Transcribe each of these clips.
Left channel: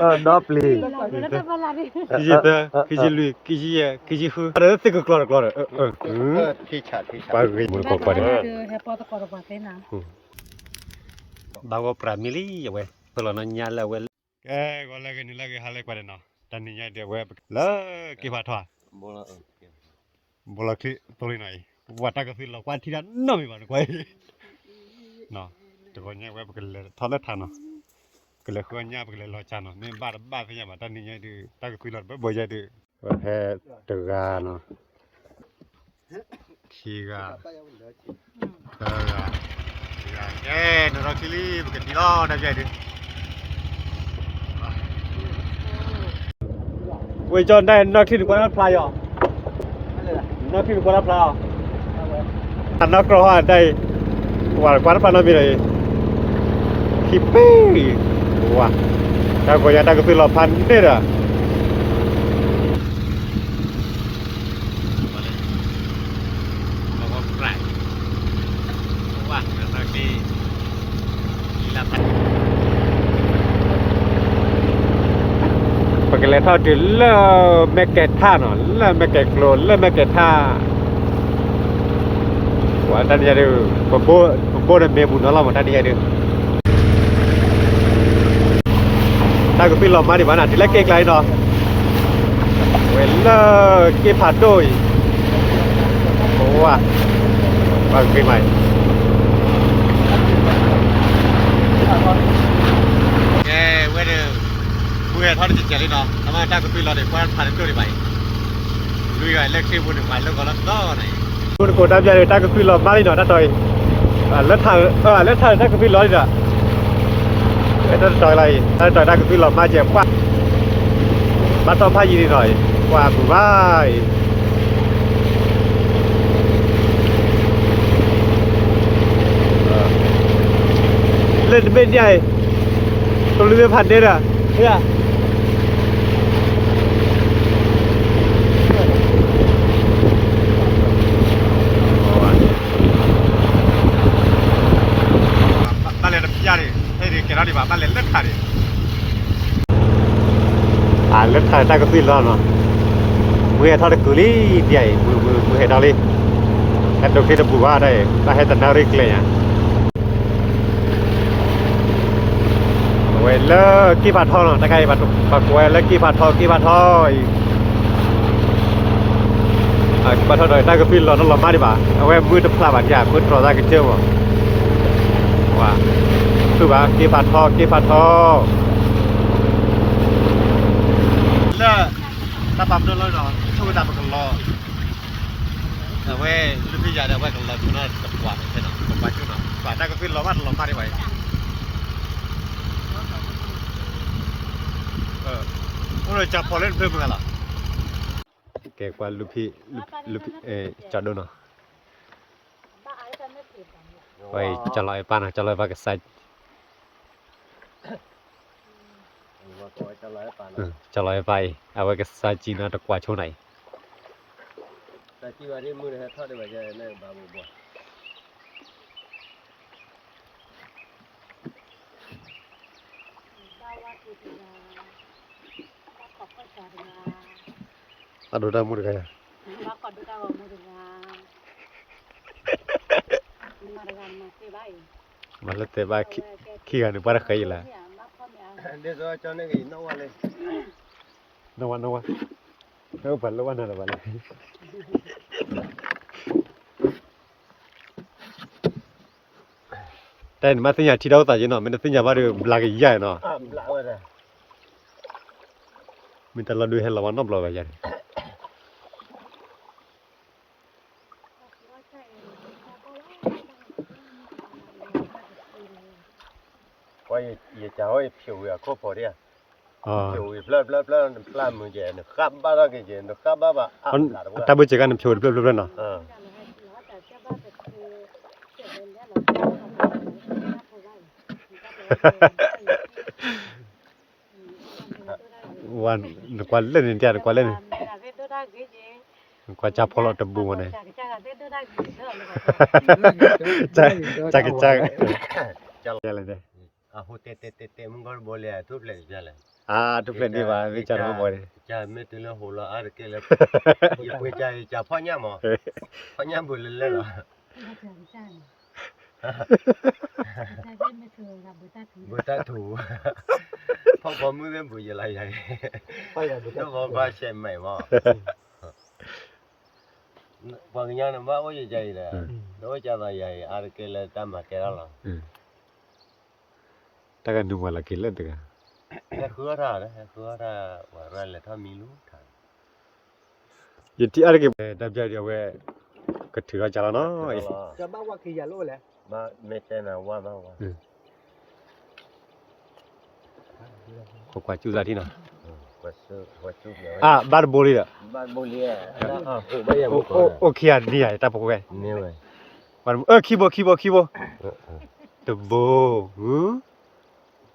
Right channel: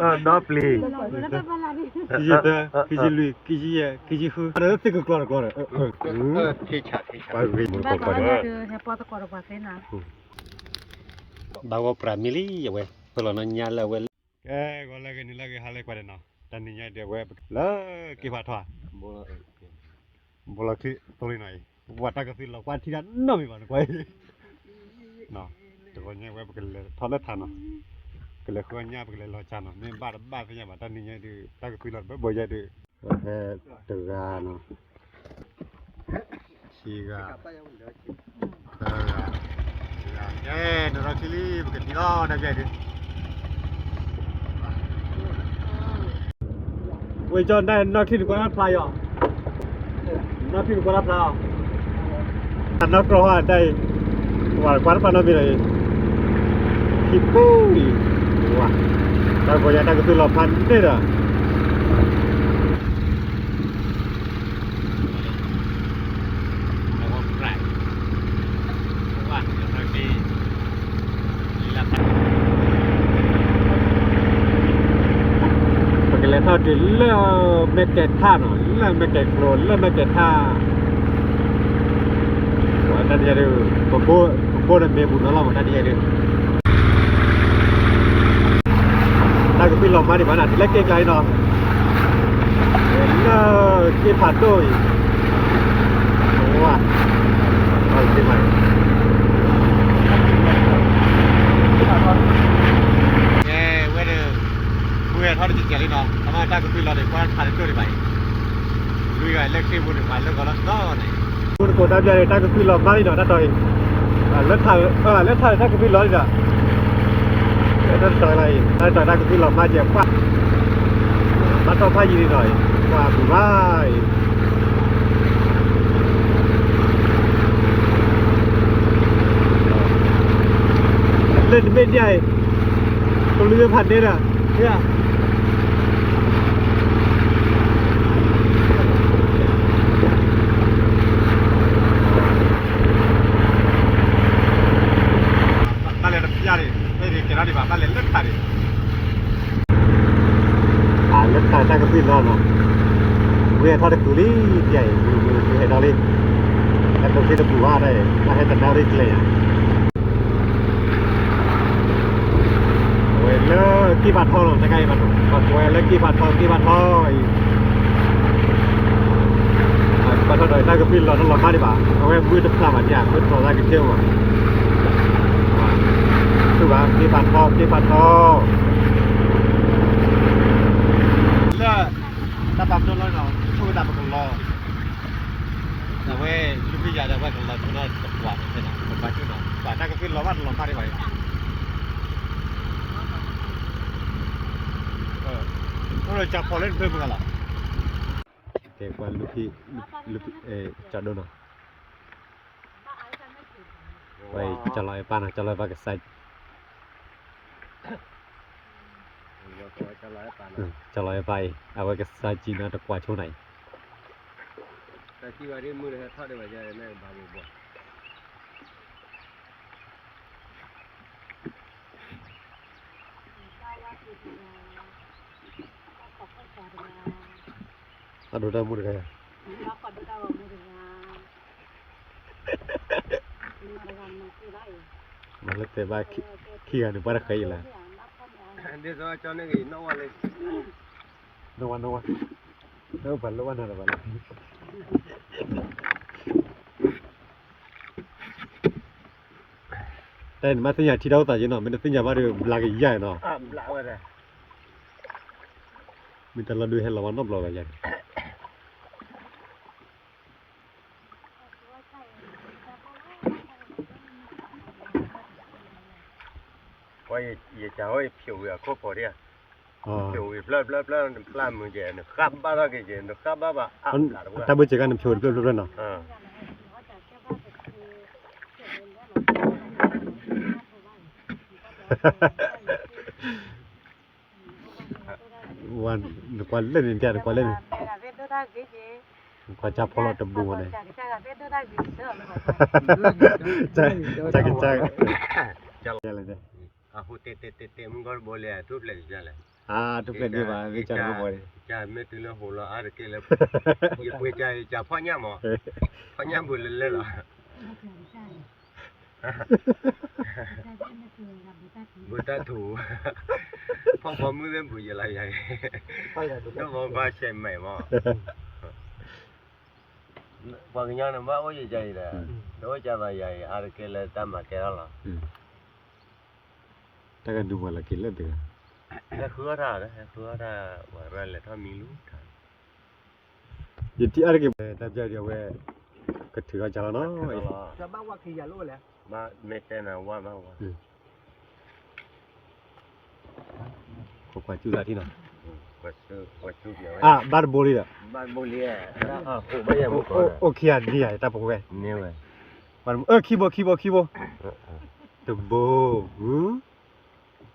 Dopli. Kiji ada tiga keluar. Teacher. Bagus. Hepa koro pakai na. Bawa pramili ya weh. Kalau nanya lah weh. Gua lagi ni lagi hal ekor na. Taninya dia weh. Lah kibat tua. Bola ki toli nai. Wata kasi lo kuat tidak nomi mana kuai. No. Tukangnya weh bekel thana thana. Kalau kuanya bekel lo cano. Ni bar punya mata taninya di tak kasi lo boja di. He tegan. Kiga. Tegan. Nora kili bekel di lo dah jadi. Wei John đây nó khi được quan play à? Nó khi được quan play à? Nó có hoa đây, quan play nó bị này, hippy, wah, kalau gua nyata ke film pandai dah. Pakai thao thì là mẹ kẹt tha nó là mẹ kẹt lồn là mẹ kẹt tha quả ta đi ra được bố này mẹ bún nó làm mà ta đi ra được ta cứ biết làm mà đi bán thì lấy kẹt lại nó là cái phạt đôi wow cái mày Gue thằng chị chơi nó, mà ta cũng bị lo để quan phản ứng đi vậy. Lui cái lấy cái buồn phải lấy cái đó này. Buồn của ta bây giờ ta cũng bị lo mãi nó đã rồi. Lấy thằng ta cũng bị lo rồi. Cái đó trời này, ta cũng bị lo mãi giờ quá. Bắt đầu phải gì đi rồi, qua bù vai. Lên bên này, tôi lên phản đây à, thế à? Di bawah lelet hari. Lelet hari tak kepil lah no. Mui ada kuli dia, mui ada lagi. Ada kita buat ada, dah ada narik le ya. Wala kibat thau no, tak kaya bat wala kibat thau. Kibat thau dah tak kepil lah, no lama di bawah. Awak mui tu pelaban ya, mui terasa kecil wah. Tu bah kibat thau. Lah, tatap dulu no. Tu dah berkeluar. Awak lebih jadi awak kalau tu nak buat, buat tu no. Baca ke film lama lama ni baik. Udah cap polen tu bukan lah. Okay, kuat lupi cado no. Baik, calai pan, calai pakai saj. Calai pai, awak ke saji na tak kuat cunai. Saji hari mula thau de baca ni babu buat. Aduh dah muda kaya. Malah teba kian ni para kaya lah. Dia soal macam ni, nawa le. Nawa. Nawa balu mana balu. Dan masihnya tidak tahu je no, masihnya baru belagi ya no. Belak ada. Minta lalu helawan no belak aja. Ôi, giờ cháu phiêu à, có bỏ đi à? Phiêu plan mình vậy, nó khắp ba ra cái gì, nó khắp ba. Ta bây giờ cái nó phiêu nó. Wan, kuat lên dia, kuat lên. Kuat cap kalau tebu mana. Cak. Jalan deh. Aku tete mungkin boleh tu boleh jalan. ทุกเล่นดีว่าวิจารณ์บ่อย cha me te la hola ar ke le ye pwe cha pho nya mo pho nya bu le lo บุตรถูพ่อมือเป็นผู้ใหญ่ใหญ่แล้วบอกว่าใช่ไหมว่าบางอย่างนะว่าโอ้ยใจเลยโดยจะได้ใหญ่อะไรก็เลยตามมาแก่แล้วถ้ากันดูมาละกินเล่นตึกเนี่ยคืออะไรนะคืออะไรว่าอะไรเลยถ้ามีลูกถ่าย ยินที่อะไรกันดับใจเดียวเว้ยก็ถือว่าจะแล้วเนาะ จะบ้าว่าคืออย่าโลดแหละ มาไม่เต้นนะว่ามาว่า ขอกว่าจูซาที่น่ะ ก็ซื้อเนี่ย บาร์โบลีอ่ะ บ้านบุรีอ่ะไม่ยังบุก โอเคอ่ะนี่อ่ะตาปกเว้ย เนี่ยเว้ย มันคีย์บอร์ดตะโบ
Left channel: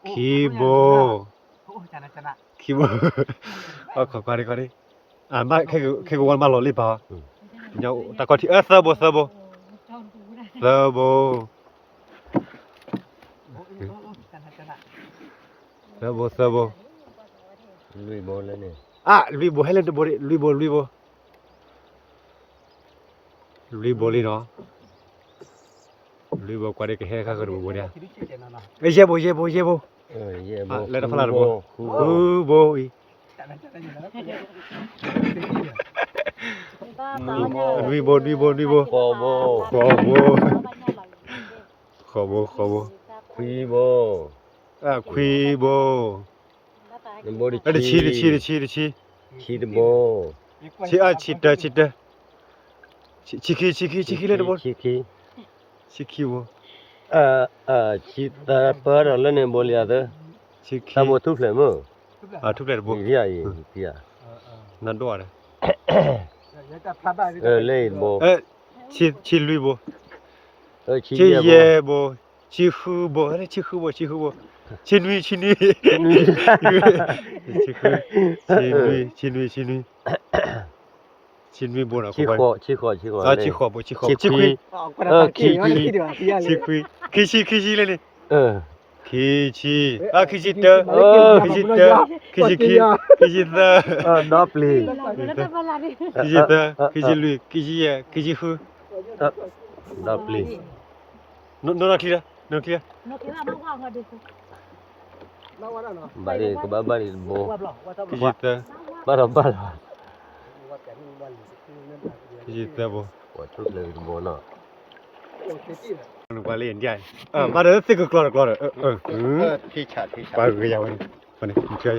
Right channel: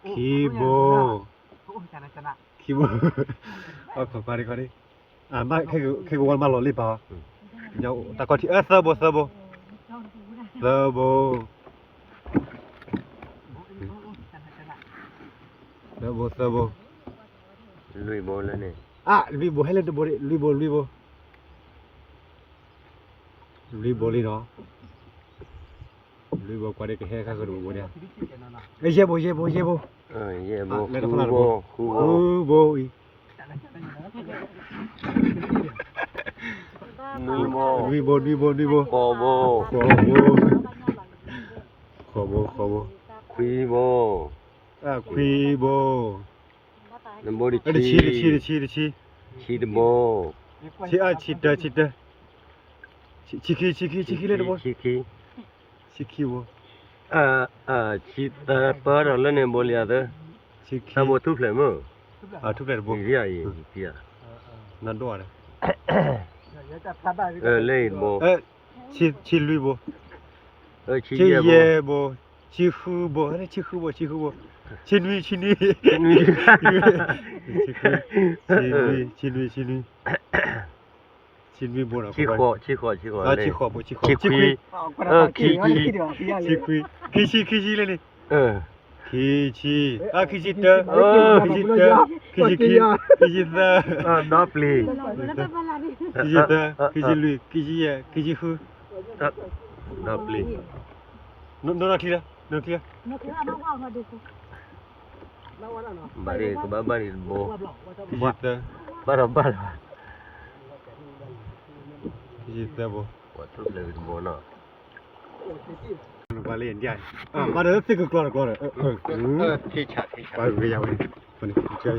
คีย์บอร์ด โอ้ชนะ คีย์บอร์ดขอกว่าดิมาแค่วันมาหล่อรีบป่ะเดี๋ยวตะกอที่เซอร์โบลุยโบแล้วเนี่ย ลุยโบให้เล่นโบลุยโบลีเนาะลุยโบกว่าเด็กแค่ข้าก็ดูโบเนี่ยเย่โบเย่โบแล้วต้องฟังโบโบอีลุยโบขอโบคุยโบนั่นโบดิชีดโบชีเตเล่นโบชีโบชีตาเปิดแล้วเนี่ยโบเลียเด้อตาโบทุบเลยมั้ง ทุกเล่นโบ พี่อ่ะ นั่นด้วยเลยโบชีลุยโบชีเย่โบชีฮูโบชินุยโบนะชีขอชีเลยนี่คีชิเตอดับลีคีชิลุยคีชิฮูดับลีโนนาทีละบารีก็บารีโบคีชิเตอบาราคีชิเตอโบว่าทุบเลยโบเนาะกว่าเล่นใหญ่มาเด้อสิกกลอดที่ฉาดปาก็ยาวนี่มันเฉย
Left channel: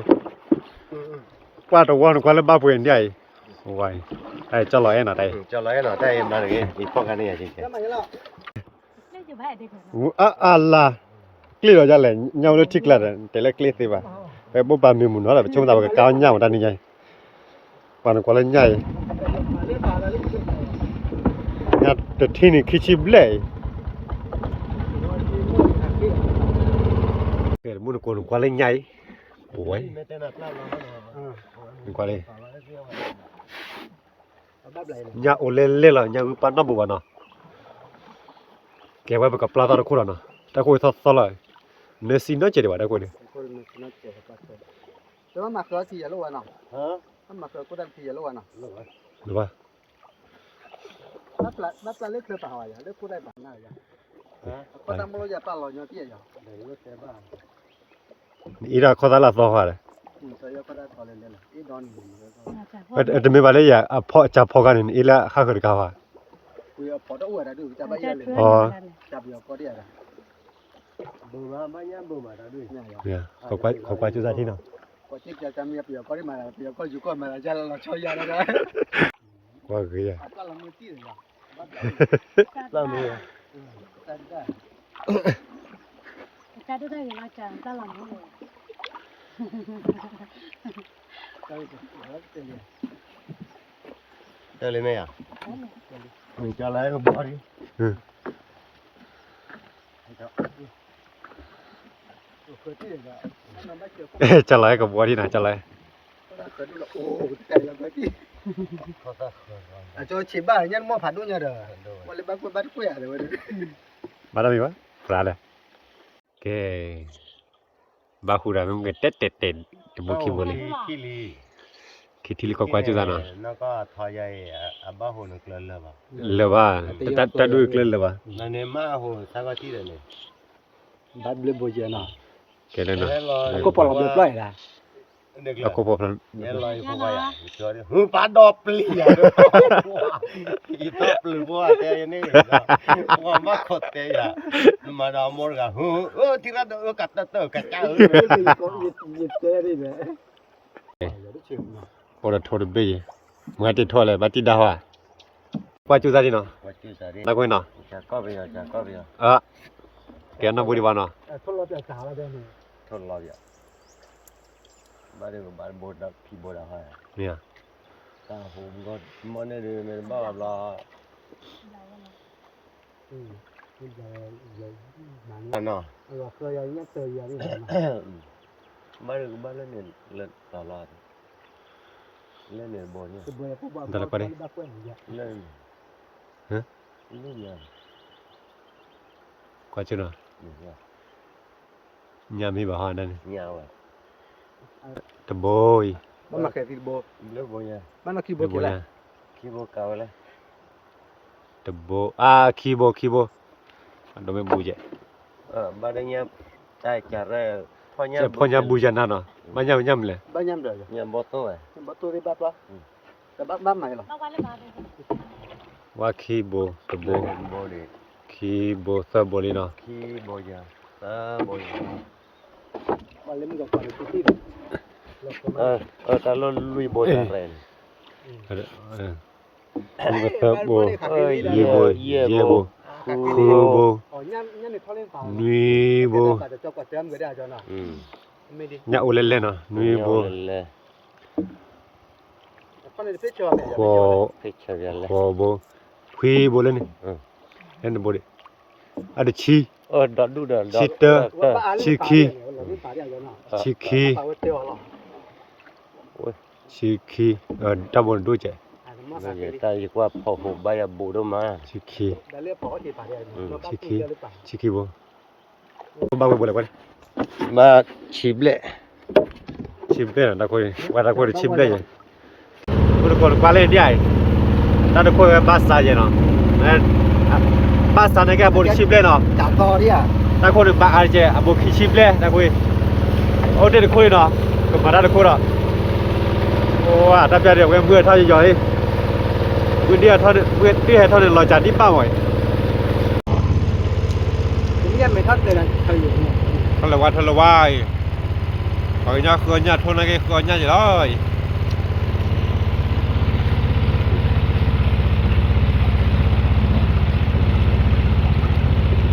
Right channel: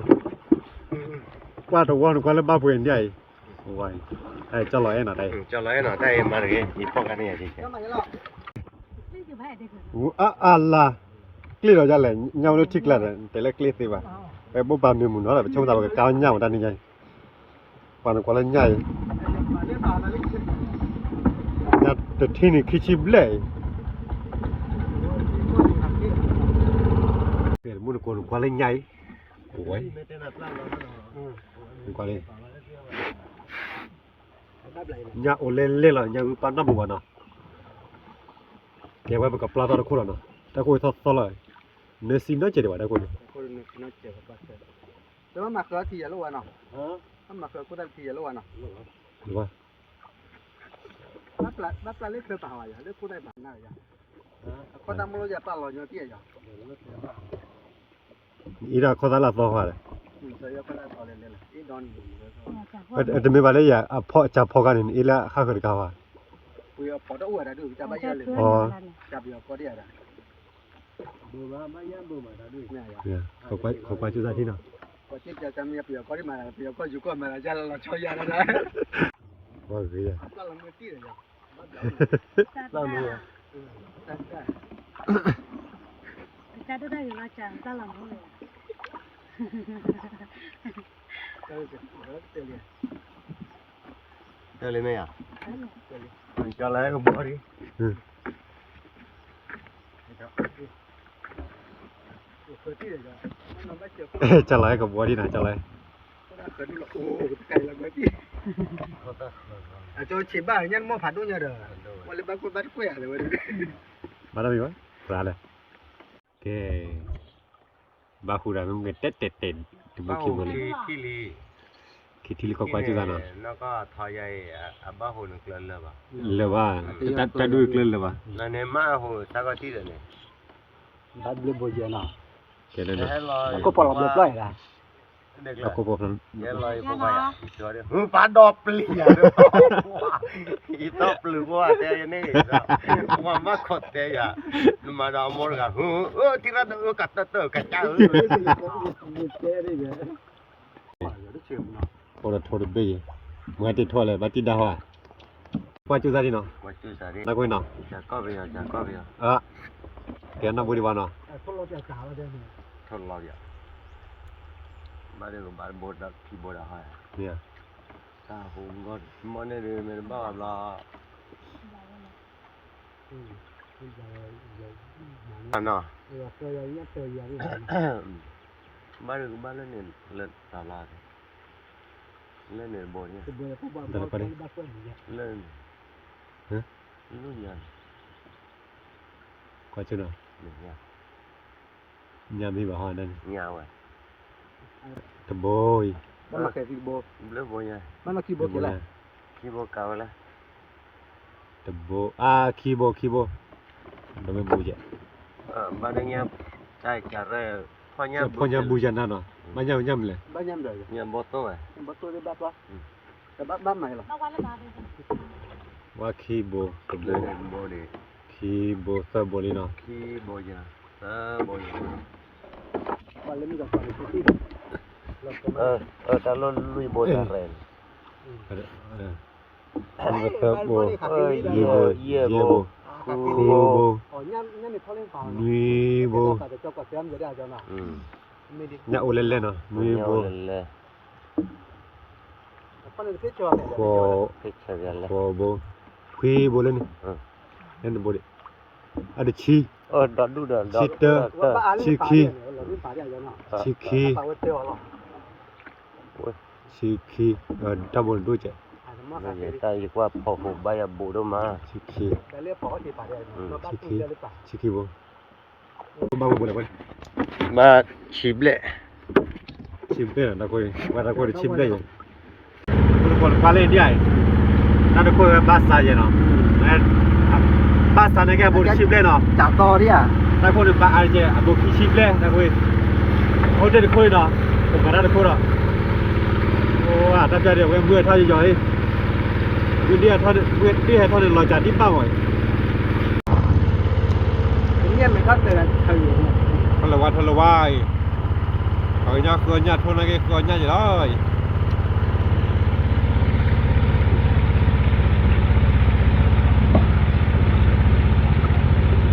ว่าตัวว่าแล้วบ้าป่วยใหญ่ไว้ไอ้จะลอยน่ะได้จะลอยน่ะได้มาเลยอีพวกกันนี่สิAllah clear ra là nhau nó thích là để lại clear thì bà cái bố bà mình muốn nói là chúng ta phải cao nhau ra như vậy và nó có lên nhảy nhà từ khi này khi chim lệ cái muốn nó có lên nhảy ôi qua đây nhà ô lên là nhà ban năm buồn à cái vậy cái plata nó khô rồi ta coi thật là nếu xin nó chỉ để vào đây coi điแต่ว่ามาเครือที่อย่าโลดเนาะมาเครือก็ได้ที่อย่าโลดเนาะ được không มาปลาเล็กเครือป่าวอย่าเล็กก็ได้ป่าหน้าอย่าก็ทำมันจะปลาลอยเนาะที่อย่า ý là có là do hòa đấy ใส่ก็ได้พอเลยล่ะอีดอนแต่ไม่ว่าเลยอย่าพอจับพอกันอีละข้าเคยกล่าวว่า ปุยพอได้อวดได้ดูจะไปเลยจับเดียวก็ได้ละบูมาย่ำบูมาได้ด้วยเนี่ยเขาไปจุดที่เนาะ ก็ที่จะมีเปียก็ได้มาเปียก็อยู่ก็มาจะเราช่วยยาแล้วนะว่าคืออ่ะปลาละมือตีเลยอ่ะปลามือจะได้ยังไงจังปลาละมือเลยไหมอ่ะmình cho lấy không bỏ đi cho lấy cái búa đi này cho lấy cho chị bà nhân mua phản đối nhà đời mà lấy bắt quẻ rồi bắt đâu vậy ra đây cái ba khu này mình tết ตบคีโบลี ขี้ลี คิดที่ก็กว่าจุดนั้น แล้วก็ทอยใหญ่บ้าหูนึกเล่นเลยป่ะ เลยวว่าตัดดูอีกเลยว่า นั่นเนี่ยมาหูสักก็ที่เดียวเนี่ย บัดเบลโบเจน่ะ แกเลยเนาะ ก็ปลอดภัยปล่อยละ เด็กเล แล้ว ย ก็พอพัน แกลอยพวกไปอ่ะจอดหูปลาดอกปลีอ่ะอีตบหรือว่าแต่ยังนี่ว่ามาขดแต่ยามาดาวมอร์กันหูที่ร้านกัดเตอร์กัดจ้า เจ๊ได้ไหมอย่าได้เชื่อเนาะ พอทอดเบยเมื่อติดทอดเลยบัดติดดาวอ่ะกว่าจุดซะดิเนาะ ว่าจุสารี แล้วก็เนาะ จาก็ไปอ่ะ แกนบุรีวานาะ ทดลองจะจ่าแล้วเด้อนี่ ทดลองอ่ะบ้านเด็กบ้านโบดที่โบดหาย เนี่ย ตาผมก็มันเนี่ยเดินไปบ้านเรา เนาะ ก็ยังไม่เจออย่างนี้ บ้านเด็กบ้านเล่นเนี่ยเล่นตลาดเล่นเนี่ยโบเนี่ย เล่นรุ่นใหญ่ กว่าจุดเนาะ เนี่ย ยามมีบ่ฮานั่น ยาวอ่ะ ตะโบย มันแค่ที่โบ เลือกโบใหญ่ มันกี่โบกี่ละ ขี้โบเก่าแล้ว ตะโบคีโบดมบูเจ บ้านเด็กเนี่ยใจจัดเลยพ่อเนี่ย พอญาบูจันเนาะมันยำเลย บ้านยำเด้อ เนี่ยโบโต้อ่ะ บ่ตัวได้บ้าป่ะแต่บ้านใหม่ล่ะ เอาไว้เลยบาทเลย ว่าคีโบตะโบ เล่นโบเนี่ย คีโบซาโบลีเนาะ ขี้โบใหญ่โบใหญ่ วันนี้มีกับที่ แต่เราลุยโบจัดเลย มันก็ซาโบยีโบเยโบคูโบ อ๋อย่ำนี่เขาเล่นป่ะ นีโบ จะจบกับเต็มก็ได้จ้ะเนาะ ไม่ได้ ญาอุเล่นเนาะนีโบ คนเลยไปจอ โคโคโบคีโบเลยนี่เห็นโบดิอะดิชี ดัดดูดัด ชิเตอร์ชิคีดับบดูเจ เนี่ยใจว่าพอผมไปบูดมา ชิคี ได้เรียกปอที่ผ่านได้ ชิคีโบบ้าโบเลย มาชิบเลย ชิมเด้อตะโกยว่าตะโกยชิมได้ยังคุณคนกว่าเล่นได้ตะโกยบาสายเนาะบาสานะแกบ่ชิมเล่เนาะ จากกอเนี่ย ตะโกยบาอาเจอบ่คิชิมเล่ตะโกยโอเดตะโกยเนาะก็มาตะโกยเนาะโอ้ว่าตะเปียเดี๋ยวเมื่อเท่าย่อยๆคือเดียวเท่าเมื่อที่ให้เท่านี้รอจัดที่ป้าหน่อย เนี่ยไม่ทัดเลยเคยอยู่ ทละวายเขาญาคือญาทนนะแกคือญาอยู่เลย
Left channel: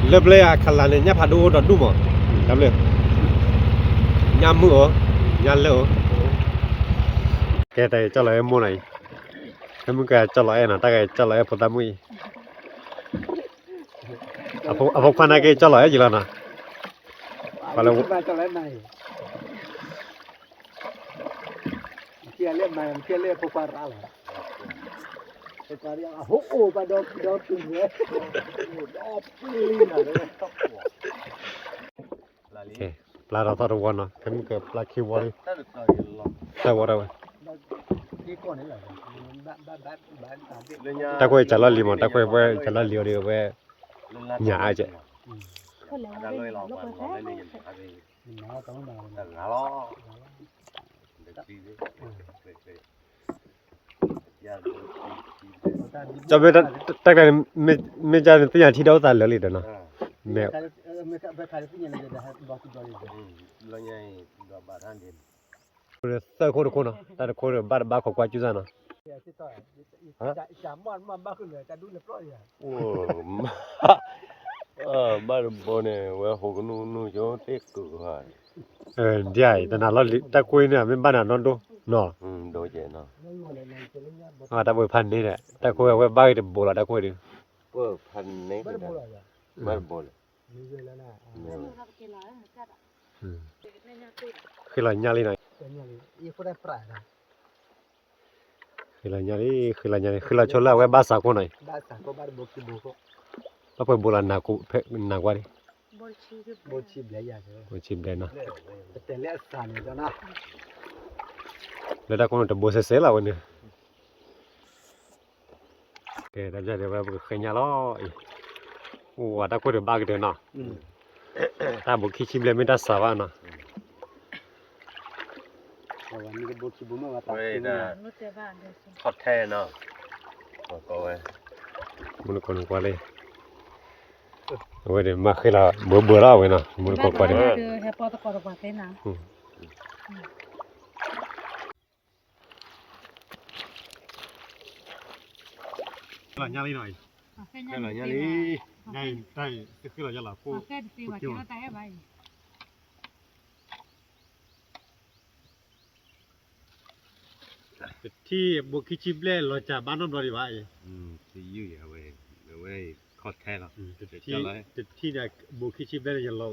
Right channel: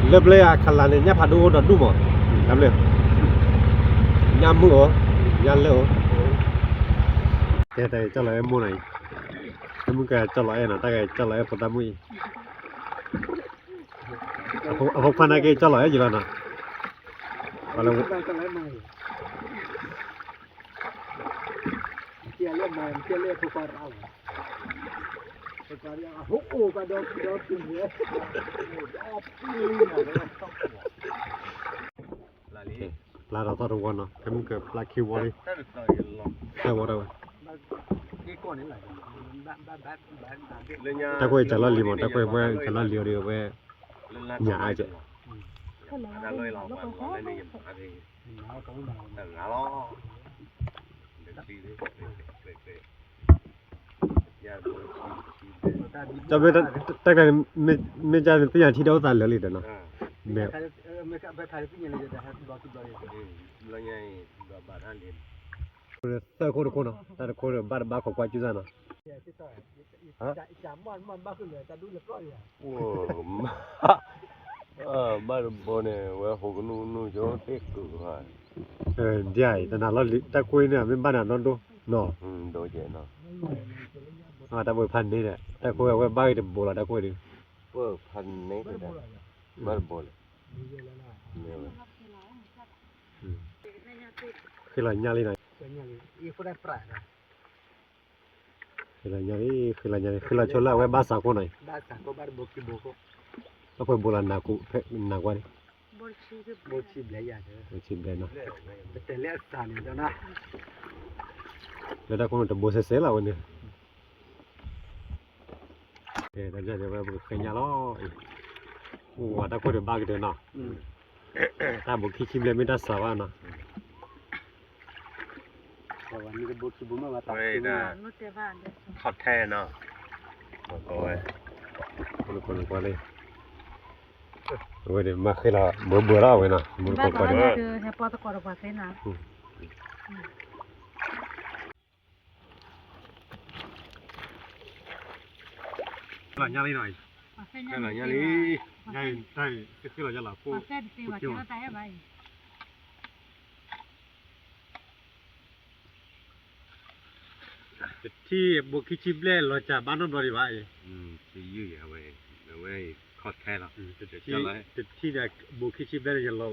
เล็บเลยอ่ะขลังเนี่ยพาดูดอดดูมั้งทำเลยยามมือยันเลยแกแต่จะไหลมือไหนถ้ามึงแกจะไหลนะแต่แกจะไหลพอตามืออ่ะพวกพันธุ์แกจะไหลจีละนะไปแล้ว มาจะเล่นไหนเกี่ยเล่นไหนเกี่ยเล่นพวกปลาอะไรพวกปลาเนี่ยโอ้โหปลาดอกตุ้งเนี่ยปลาเราต้องวันเนาะถ้ามึงเกิดปลาคิววอลแต่ว่าเรา ที่ก่อนนี่แหละบ้านตะกุยจะละลิมตะกุยว่าจะละเลียวเดียวว่าหยาจะ đã lôi lò qua lò lên đi à thì là lo cho biết tất cả mình cho tiền thi đấu tài lớn đó mẹ lo nhảy rồi bà than đi sao cô được cô nào ta được cô được ba khẩu qua chú ra nào ba bố này vừa hồ cái nu cho tết cử vậy ta nào lo ta quên nè bên ban nào non đâu nọ đồ vậy nó ta vừaพันนี่แหละta quênเอาไว้บ้านเดี๋ยวโบราณta quênดิ vừa phần này ba bố này คือหลังยาลีหน่อย อีคนได้ปลา คือหลังยาลีคือหลังยาลีคือเราชนแล้วไว้บ้านสาวคนหน่อย บ้านสังก็บ้านบุกที่บุก แล้วเพิ่นโบราณนากูเพนาว่าดิ Bochi bia ya de. ကိုချစ်တယ်နော် Te le sa ne da na. လက်တာကတော့ဘိုးဆဲဆဲလာဝင်နေကဲဒါကြတယ်ဘာခညာလောဟိုဝါတာကိုရဘာကတဲ့နော်တာဘုခိချိဘလေမတာဆာဝါနော် Wa ni ke bochi bu ma ta. ဝေးဒါ no te va de eso ခတ်ထဲနော်ဘောကောဝဲ မနကိုကွာလေဝဲတယ်မခေလာဘောလာဝဲနော်မနကိုကွာတယ် de he puedo coro pa cena လာညာလေးနော် pa cena လာညာလေးညာတိုင်းခေလာရလာကို pa cena te va que no te va ที่บกิชิบเล่เราจะบ้านนนท์บริวาร จะยื้ออย่าเว้ยเว้ยขดแท้หรอ ที่เนี่ยบกิชิบเล่ยังเรา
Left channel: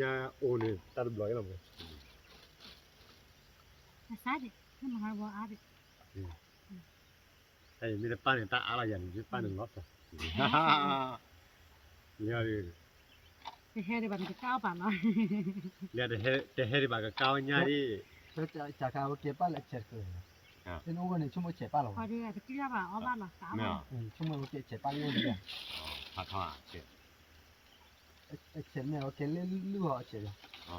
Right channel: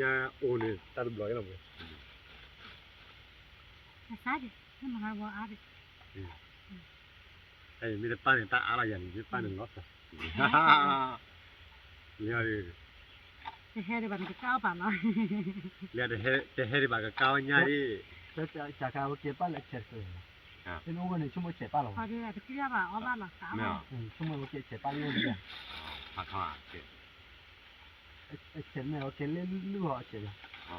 ยังโอนเนี่ยตัดบล็อกยังไง sabe no me hago a ver ไอ้มีแต่ป้าเนี่ยตาอะไรอย่างนี้ป้าเนี่ยล็อกอ่ะเนี่ย te he de va que cao pa no เนี่ยแต่เฮริบากก้าวเนี่ยดิ Cha ka ke pa la che ko. Ni no ne chumo che pa lo. pa de que ya va o va la ta ไม่ Chumo ke che pa lo ya. ผักข้าวเสร็จ Che me o ke le lu ho che. อ๋อ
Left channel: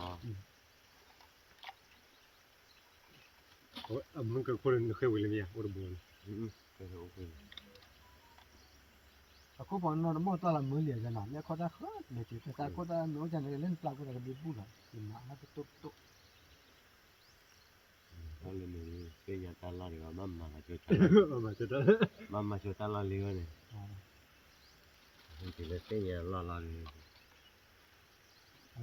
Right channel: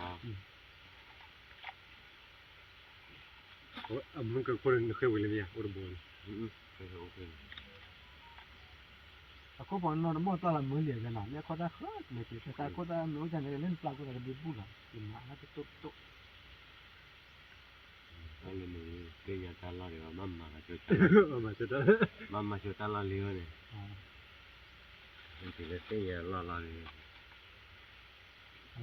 โอ้มันก็คนเคยวิ่งเลยเนี่ยโอ้โห โอเค Ko po no mo ta la mo le ja na. Ne ko ta kho me che ta ko ta no ja ne len pla ko ta bu bu la. Na na to to. แล้วเลยเกยตาลาดีว่ามัมมาช่วย มาจะได้ มัมมาช่วยตาลาเลี้ยวเนี่ยนี่เลยเกยลาดี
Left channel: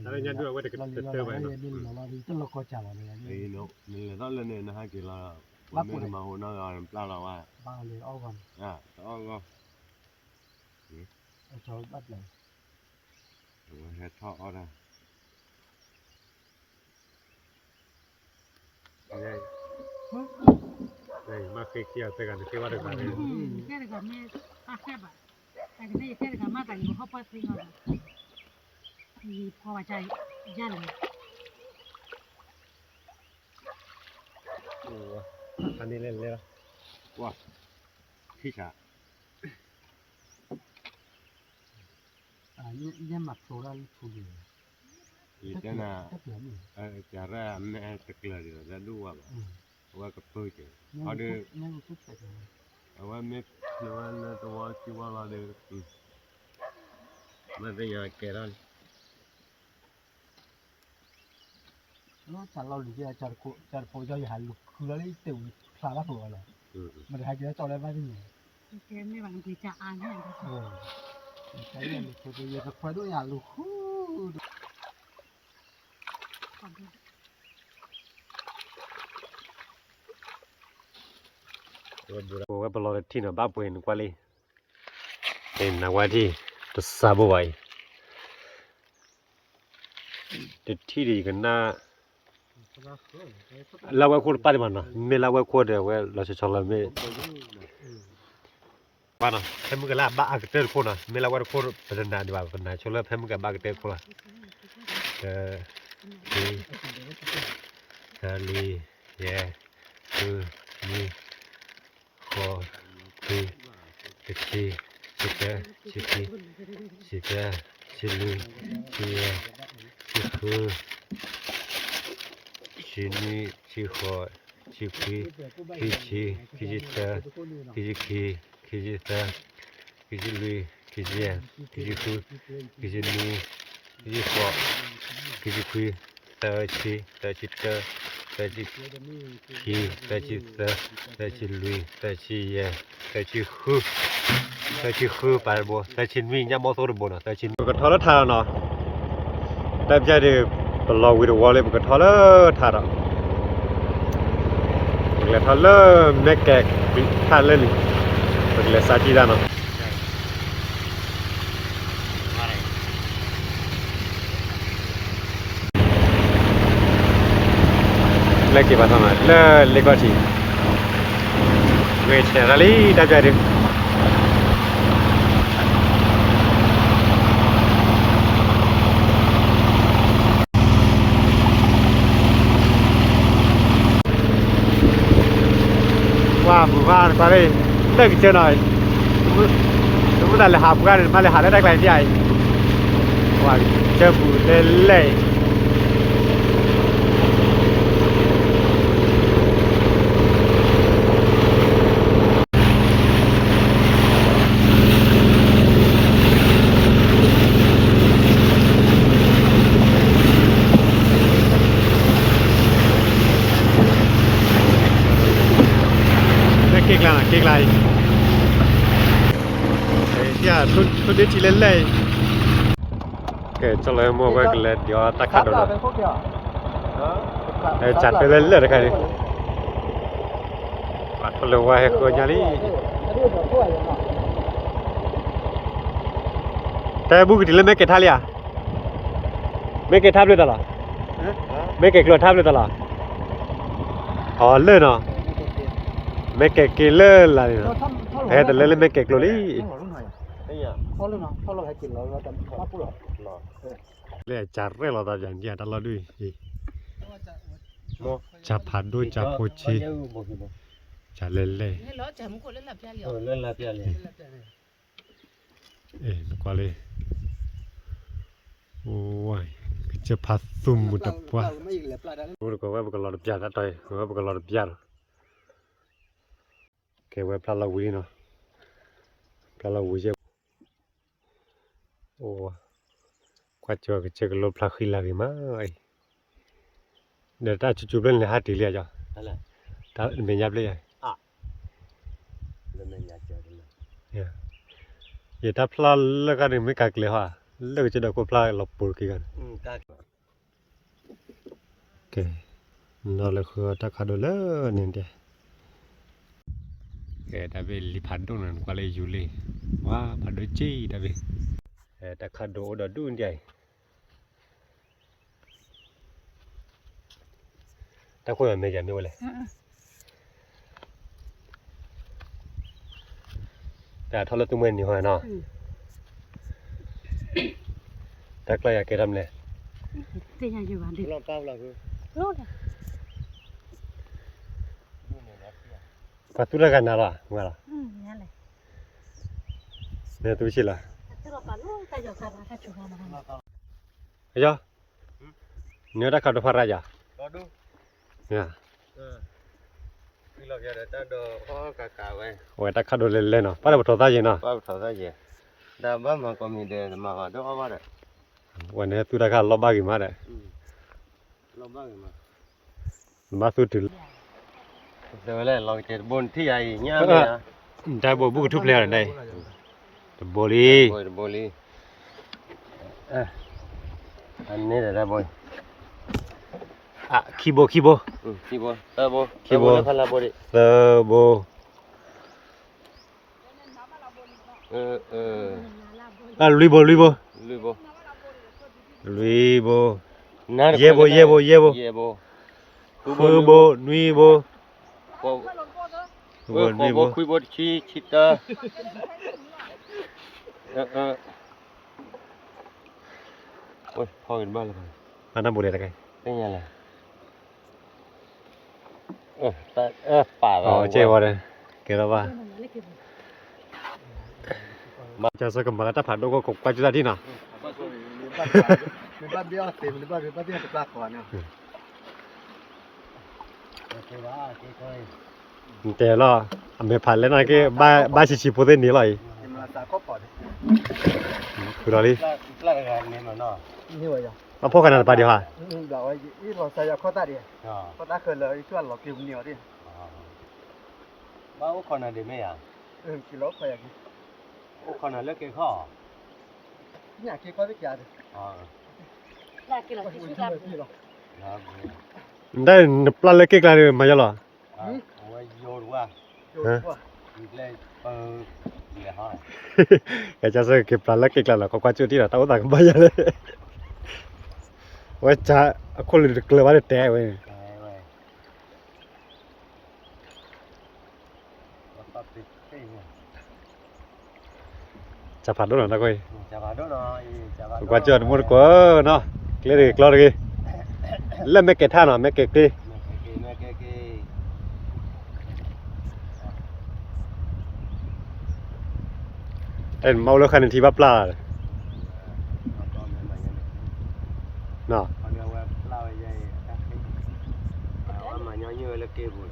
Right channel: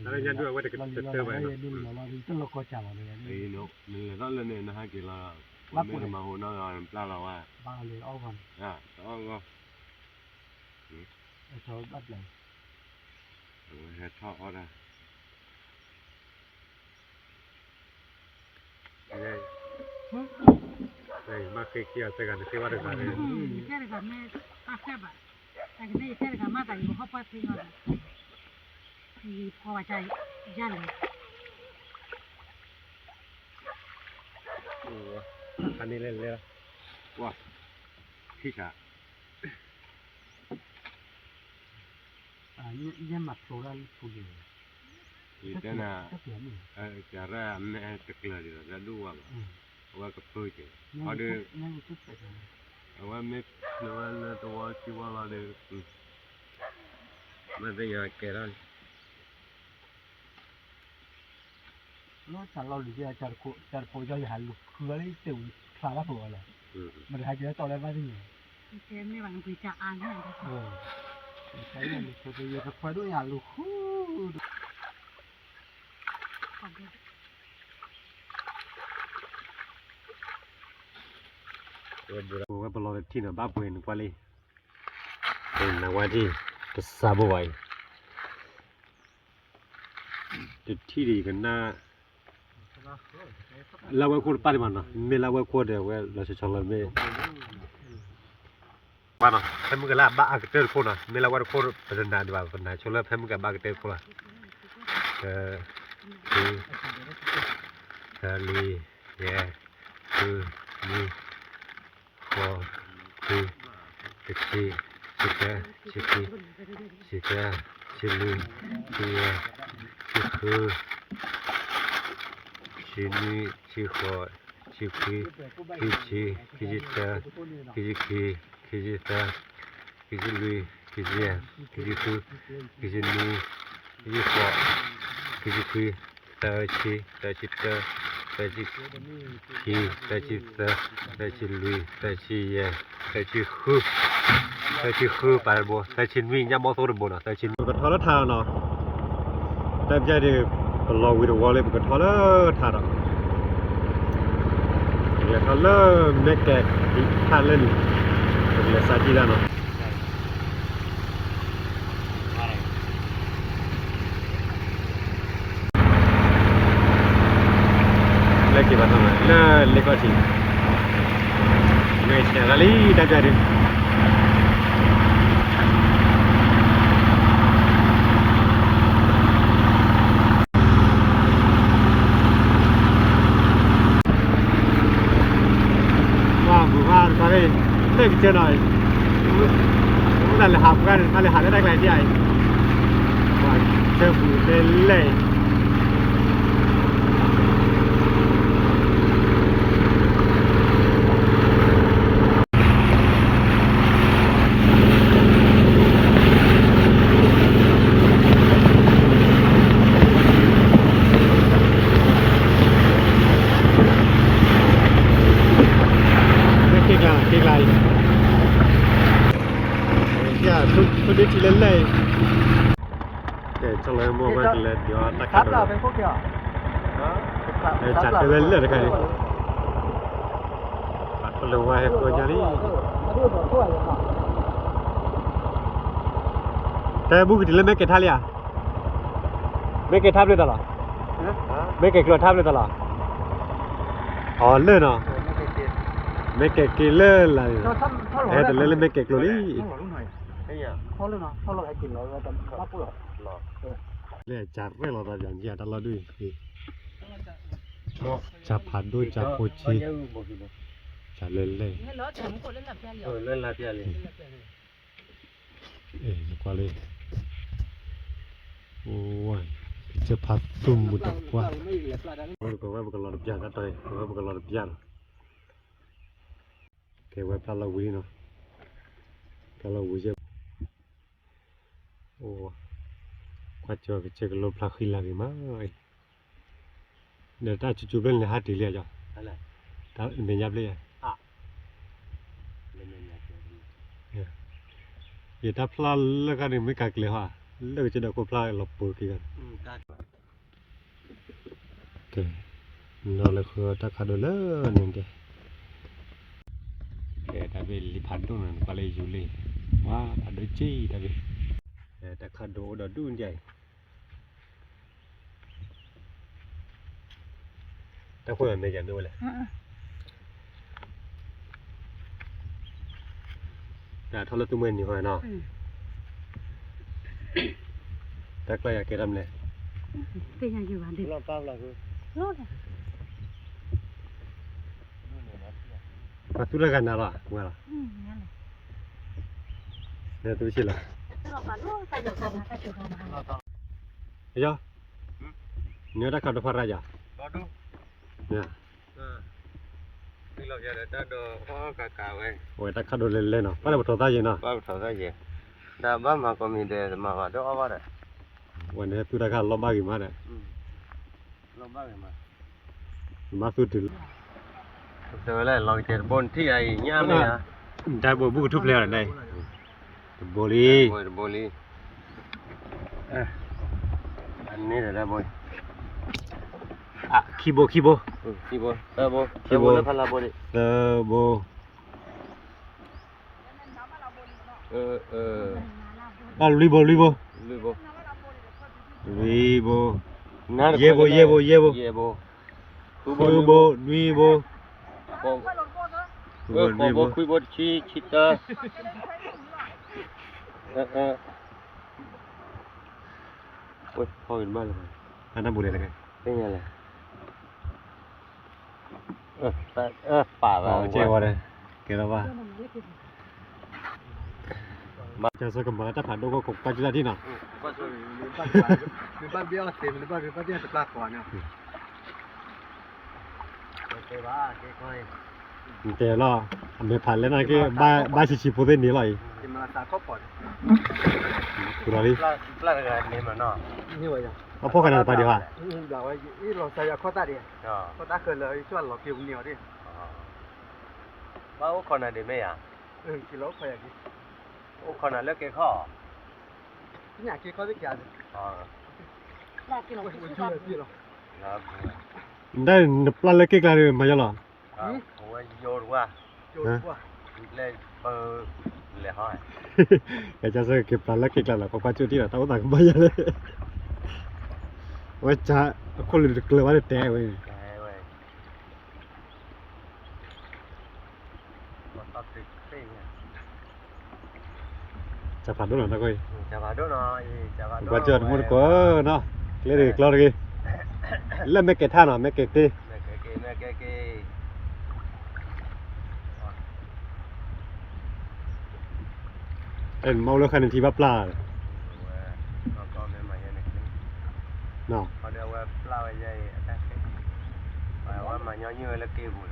แล้วเนี่ยด้วยว่าจะเจอไป Ni la ri to lo ko cha la ne. ไอ้นกมันเลยตอนเลยเนี่ยนะฮะกี่ลาวันนี้มาหัวน้อยปลาเราว่า Ba le o van. ต้องก็ Cho bắt lại. เฮ็ดทอดอ่ะ เฮ้ยมาเคยเกี่ยวแต่กันที่ว่าเด็กอะไร que de me pa que va que de que de mata y ho pa fino y po va ya ya le โอ้คันนี้เล่นเลย ว่าพี่ชา Ni mặc số ra thu gì. อีกแล้วนะ Rất hiếm nhỉ. จะแร่แม่ตะเกลืออยู่แล้วดูว่ากับเพื่อเจ้ Nhưng chút sạch này. เอาว่าไม่เนื้อเนื้อตัวคิดว่าเราเดือดไม่เป็นยังแก่แล้ว Nó chả lo gì chả cổ cho hẳn lục khứa lấy tiểu khá lắm rồi là. Mà hai cái cho lên bao nhiêu. que me van a cuidar a no Cái này thì bây giờ phải đôi nhà lục. โอ้ว่าบอลที่น่ะบ้าป่วยนึกว่าเลยเป็นนักว่าที่ตัวซาบไว้ที่ดีกันน่าเราว่าคนป้าดิมันนะไม่เราว่าคนเดียวว่าเราจะชอบเราไม่ป้านะเพิ่มกันละบ้าอักเตอร์คนนะไม่เราว่าคนเป็นนานดีกว่าเป็นนานชอบเราเพิ่มกันบ้าอักเตอร์คนละลีเย่คือนี่ขอคือสิชีสิแกสิชีสิแกสิลีสิเย่สิคือสินีสิขอสิคีสิชีสิจิตาสิจิคีสิจิตาสิจิลีสิเย่สิจิคือสิจินีสิจิขอสิจิคีตาชีตาจิตาตาจิคีตาจิตาตาจิลีตาจิเย่ตาจิคือไปบ่ตาจิมีญาบ่ตัวบ่นะตาจิก็ทอละทาเนาะแต่ใจดิตลอดวิดีโอเลยก็ทอละทาเนาะเนี่ยทอละแม่แกะทาเล่นเลยซาจิดาเนาะเล็กกี่บาทมั้ยเล็กกว่าที่เวชแรลี่ได้ใจดิ qua đây lên cái chơi này chúng ta là học ra mà là học đây cái gì vậy ngoài chơi phụ lên lên kịch lại dạ tôi biết chỉ lên đây kể cho lời mua cái lên do ta cắt được chặt cái lên đấy cái đi bắt cái lời quay cái nhà điแต่บุกที่เล่นไม่เก็ตท่าเลยอ่ะไม่เก็ตท่าเลยตลอดไม่เก็ตกลัวท่าเลยตลอดอ๋อเล่นเนาะไม่เก็ตกินเล่นอะไรแต่เล่นไม่เก็ตกลัวลี่เล่นจัดเรื่องเราแต่อย่างเดียวตลอดด้วยจับผัดด้วยจับโคชิจัดเล่นเลยเล่นลาเปียเลยลูกว่าเลยโอ้ยจะผัดตุ่มหมดตัวรู้ก็ว่าบุกหลอดเปียนะต่อยว่าบุกหลอดเปียแกว่าปลาลาวีเนาะปลาลาวีเจ้าโอ้กว่าจะเจอกับลมปลาขี้ลากี่มาเดี๋ยวถ้าจู่ๆเป็นเลยหาตีเลี้ยจ้ะถ้าเป็นยับเลยอย่าถ้าพลาดแล้วก็ไม่กักเลยฮะแล้วก็จะได้ก็พลาดหลบปูกี่กันโอเคนั่นแหละคือถ้าขาดเลยเนี่ยเดี๋ยวแต่เป็นลิพันตรงนั้นก็เลยอยู่เลยว่าพันด้วยจีแต่เป็นแต่ขาดเดี๋ยวดูใหญ่ถ้าคุยกันไม่จำไม่ไหวเลยแต่ทอดตุ้มเงินอยู่หน่อยเนาะแต่ก็อยากเก็บทำเลยเสียอยู่บ้านเด็กก็ตุลากันนะล่ะงั้นล่ะเนี่ยตุชิล่ะเฮ้ยเนี่ยได้ข่าวดูพาราจ้ะเนี่ยที่เราจะได้ดูข้อกากาไว้โอ้ยได้ข่าวดูเล่นๆเนาะป้าเราถอดได้ยังเนาะป้าถอดได้ยังแต่บ้านมันก็มีเดชมาก็ดูเอาไว้เลยวันนี้ตุลากันลบบ้ากี่มาเลยลบบ้ากี่มาสุดถึงเดี๋ยวเลยเราจะบนที่ใหญ่เงี้ยมั้ยฮะได้บุกทุบเลยอะไรได้โบลีอันนี้ได้บนคีโบตาโบพลาโบดิโบลุยโบเย่โบคือโบนุยโบคุยโบชิตาโอ้ยพอเห็นบ้างเลยอันนั้นโบเลยอะไรนี่ยังไงป่าอ๋อเจ้าวะเลยเกี่ยวกับว่ามาจะสักกันมาแล้วถ้าผ่านดูก็คงกว่าจะได้ที่น่ะบ้านเดียวเต็มเลยบ้านเดียวจะปลาก่อนเนี่ยแต่ละไม่ผ่านแล้วนะก็บ้าชิพูดได้นี่เลยมาตาข้อปอดคุณอะไรปลาอะไรนี่มันเนาะนี่วะจ้ะมาพบกันนะป่ะเดี๋ยวฮะเดี๋ยวอีเราใส่ข้อตาดิข้อตาเคยเลยช่วยเราเกี่ยวเหนียวดิบ้าโอ้คนนั้นดีไหมอ่ะกิโลพออย่างนี้โอ้คนนั้นเลิกเกี่ยวข้ออยากเกี่ยวข้อได้กี่อันได้ปลาเล็กเกี่ยวอะไรมาจ้ะหรอโอ้ยโยนว่าเลยเปิดเลยห้อยอยากจะซื้อเก็บปลาเล็กเกี่ยวอะไรก็กว่าจุดที่เราตั้งแต่ก็ไม่ยังเลยว่าจะคนเลยเกลือว่าได้แต่เว้ยจะผ่านด้วยหรอนะก้อยจะผ่านด้วยหน่อยจะผ่านกว่าจุดหมดก็เนาะเกลือเกลือเลยเล่นไม่เก็ตท่าหน่อยไม่เก็ตดิไม่เก็ต เอ็นเมาแล้วคันที่ว่าปลา มาตอนนี้มาอย่างนี้ เนาะ เขาเรียกว่าปลาใหญ่แท้จริงมาว่ามาย่อเยื่อแล้วเก็บบุญ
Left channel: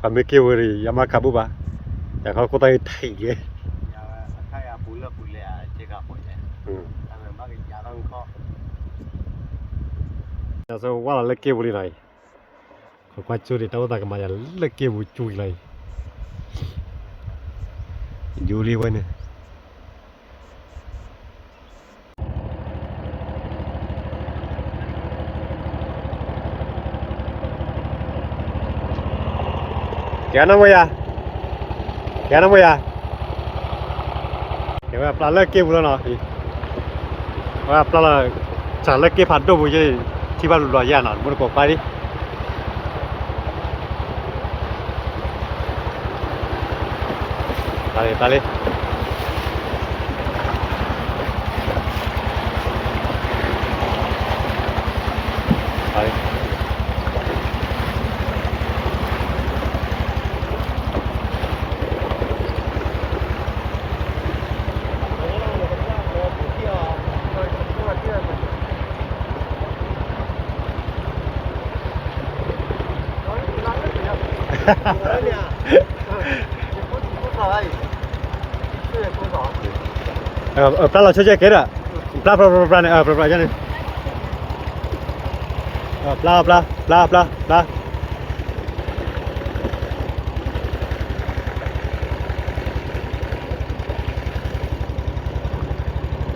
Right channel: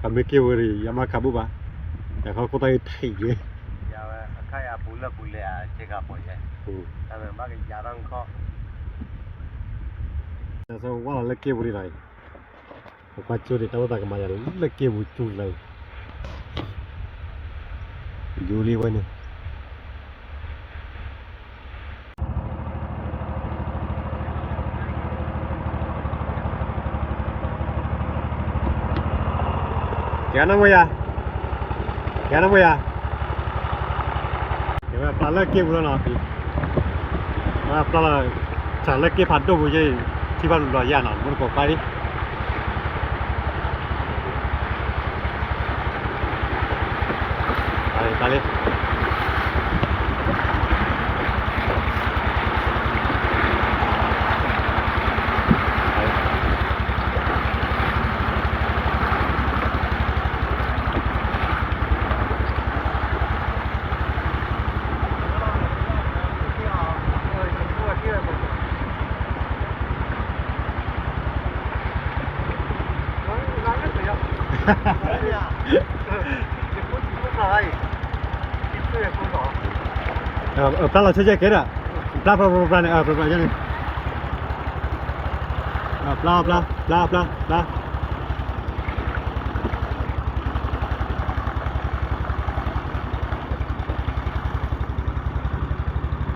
ก็ไม่เกี่ยวเลยยามาคาบุบะแต่เขาก็ได้ไทยเลย ยาว่าใครอาปุละปุเลยอ่ะเจ๊กับปุใช่แต่เป็นบ้านยาต้องข้อ แต่สมมติว่าเราเลิกเกี่ยวเลยไหนเขาก็จูดีแต่ว่าแต่ก็มาจะเลิกเกี่ยวจูเลยอยู่รีวันเนี่ยแกน้ำมันยาแกน้ำมันยาเดี๋ยวปลาเลิกเกี่ยวแล้วเนาะว่าปลาจะเลิกเกี่ยวผ่านตัวบุญที่บ้านลอยย่าหนอนมันก็ไปดิไปเลยปลาเราเชื่อเกล้าปลาเนี่ยปลาอย่างนี้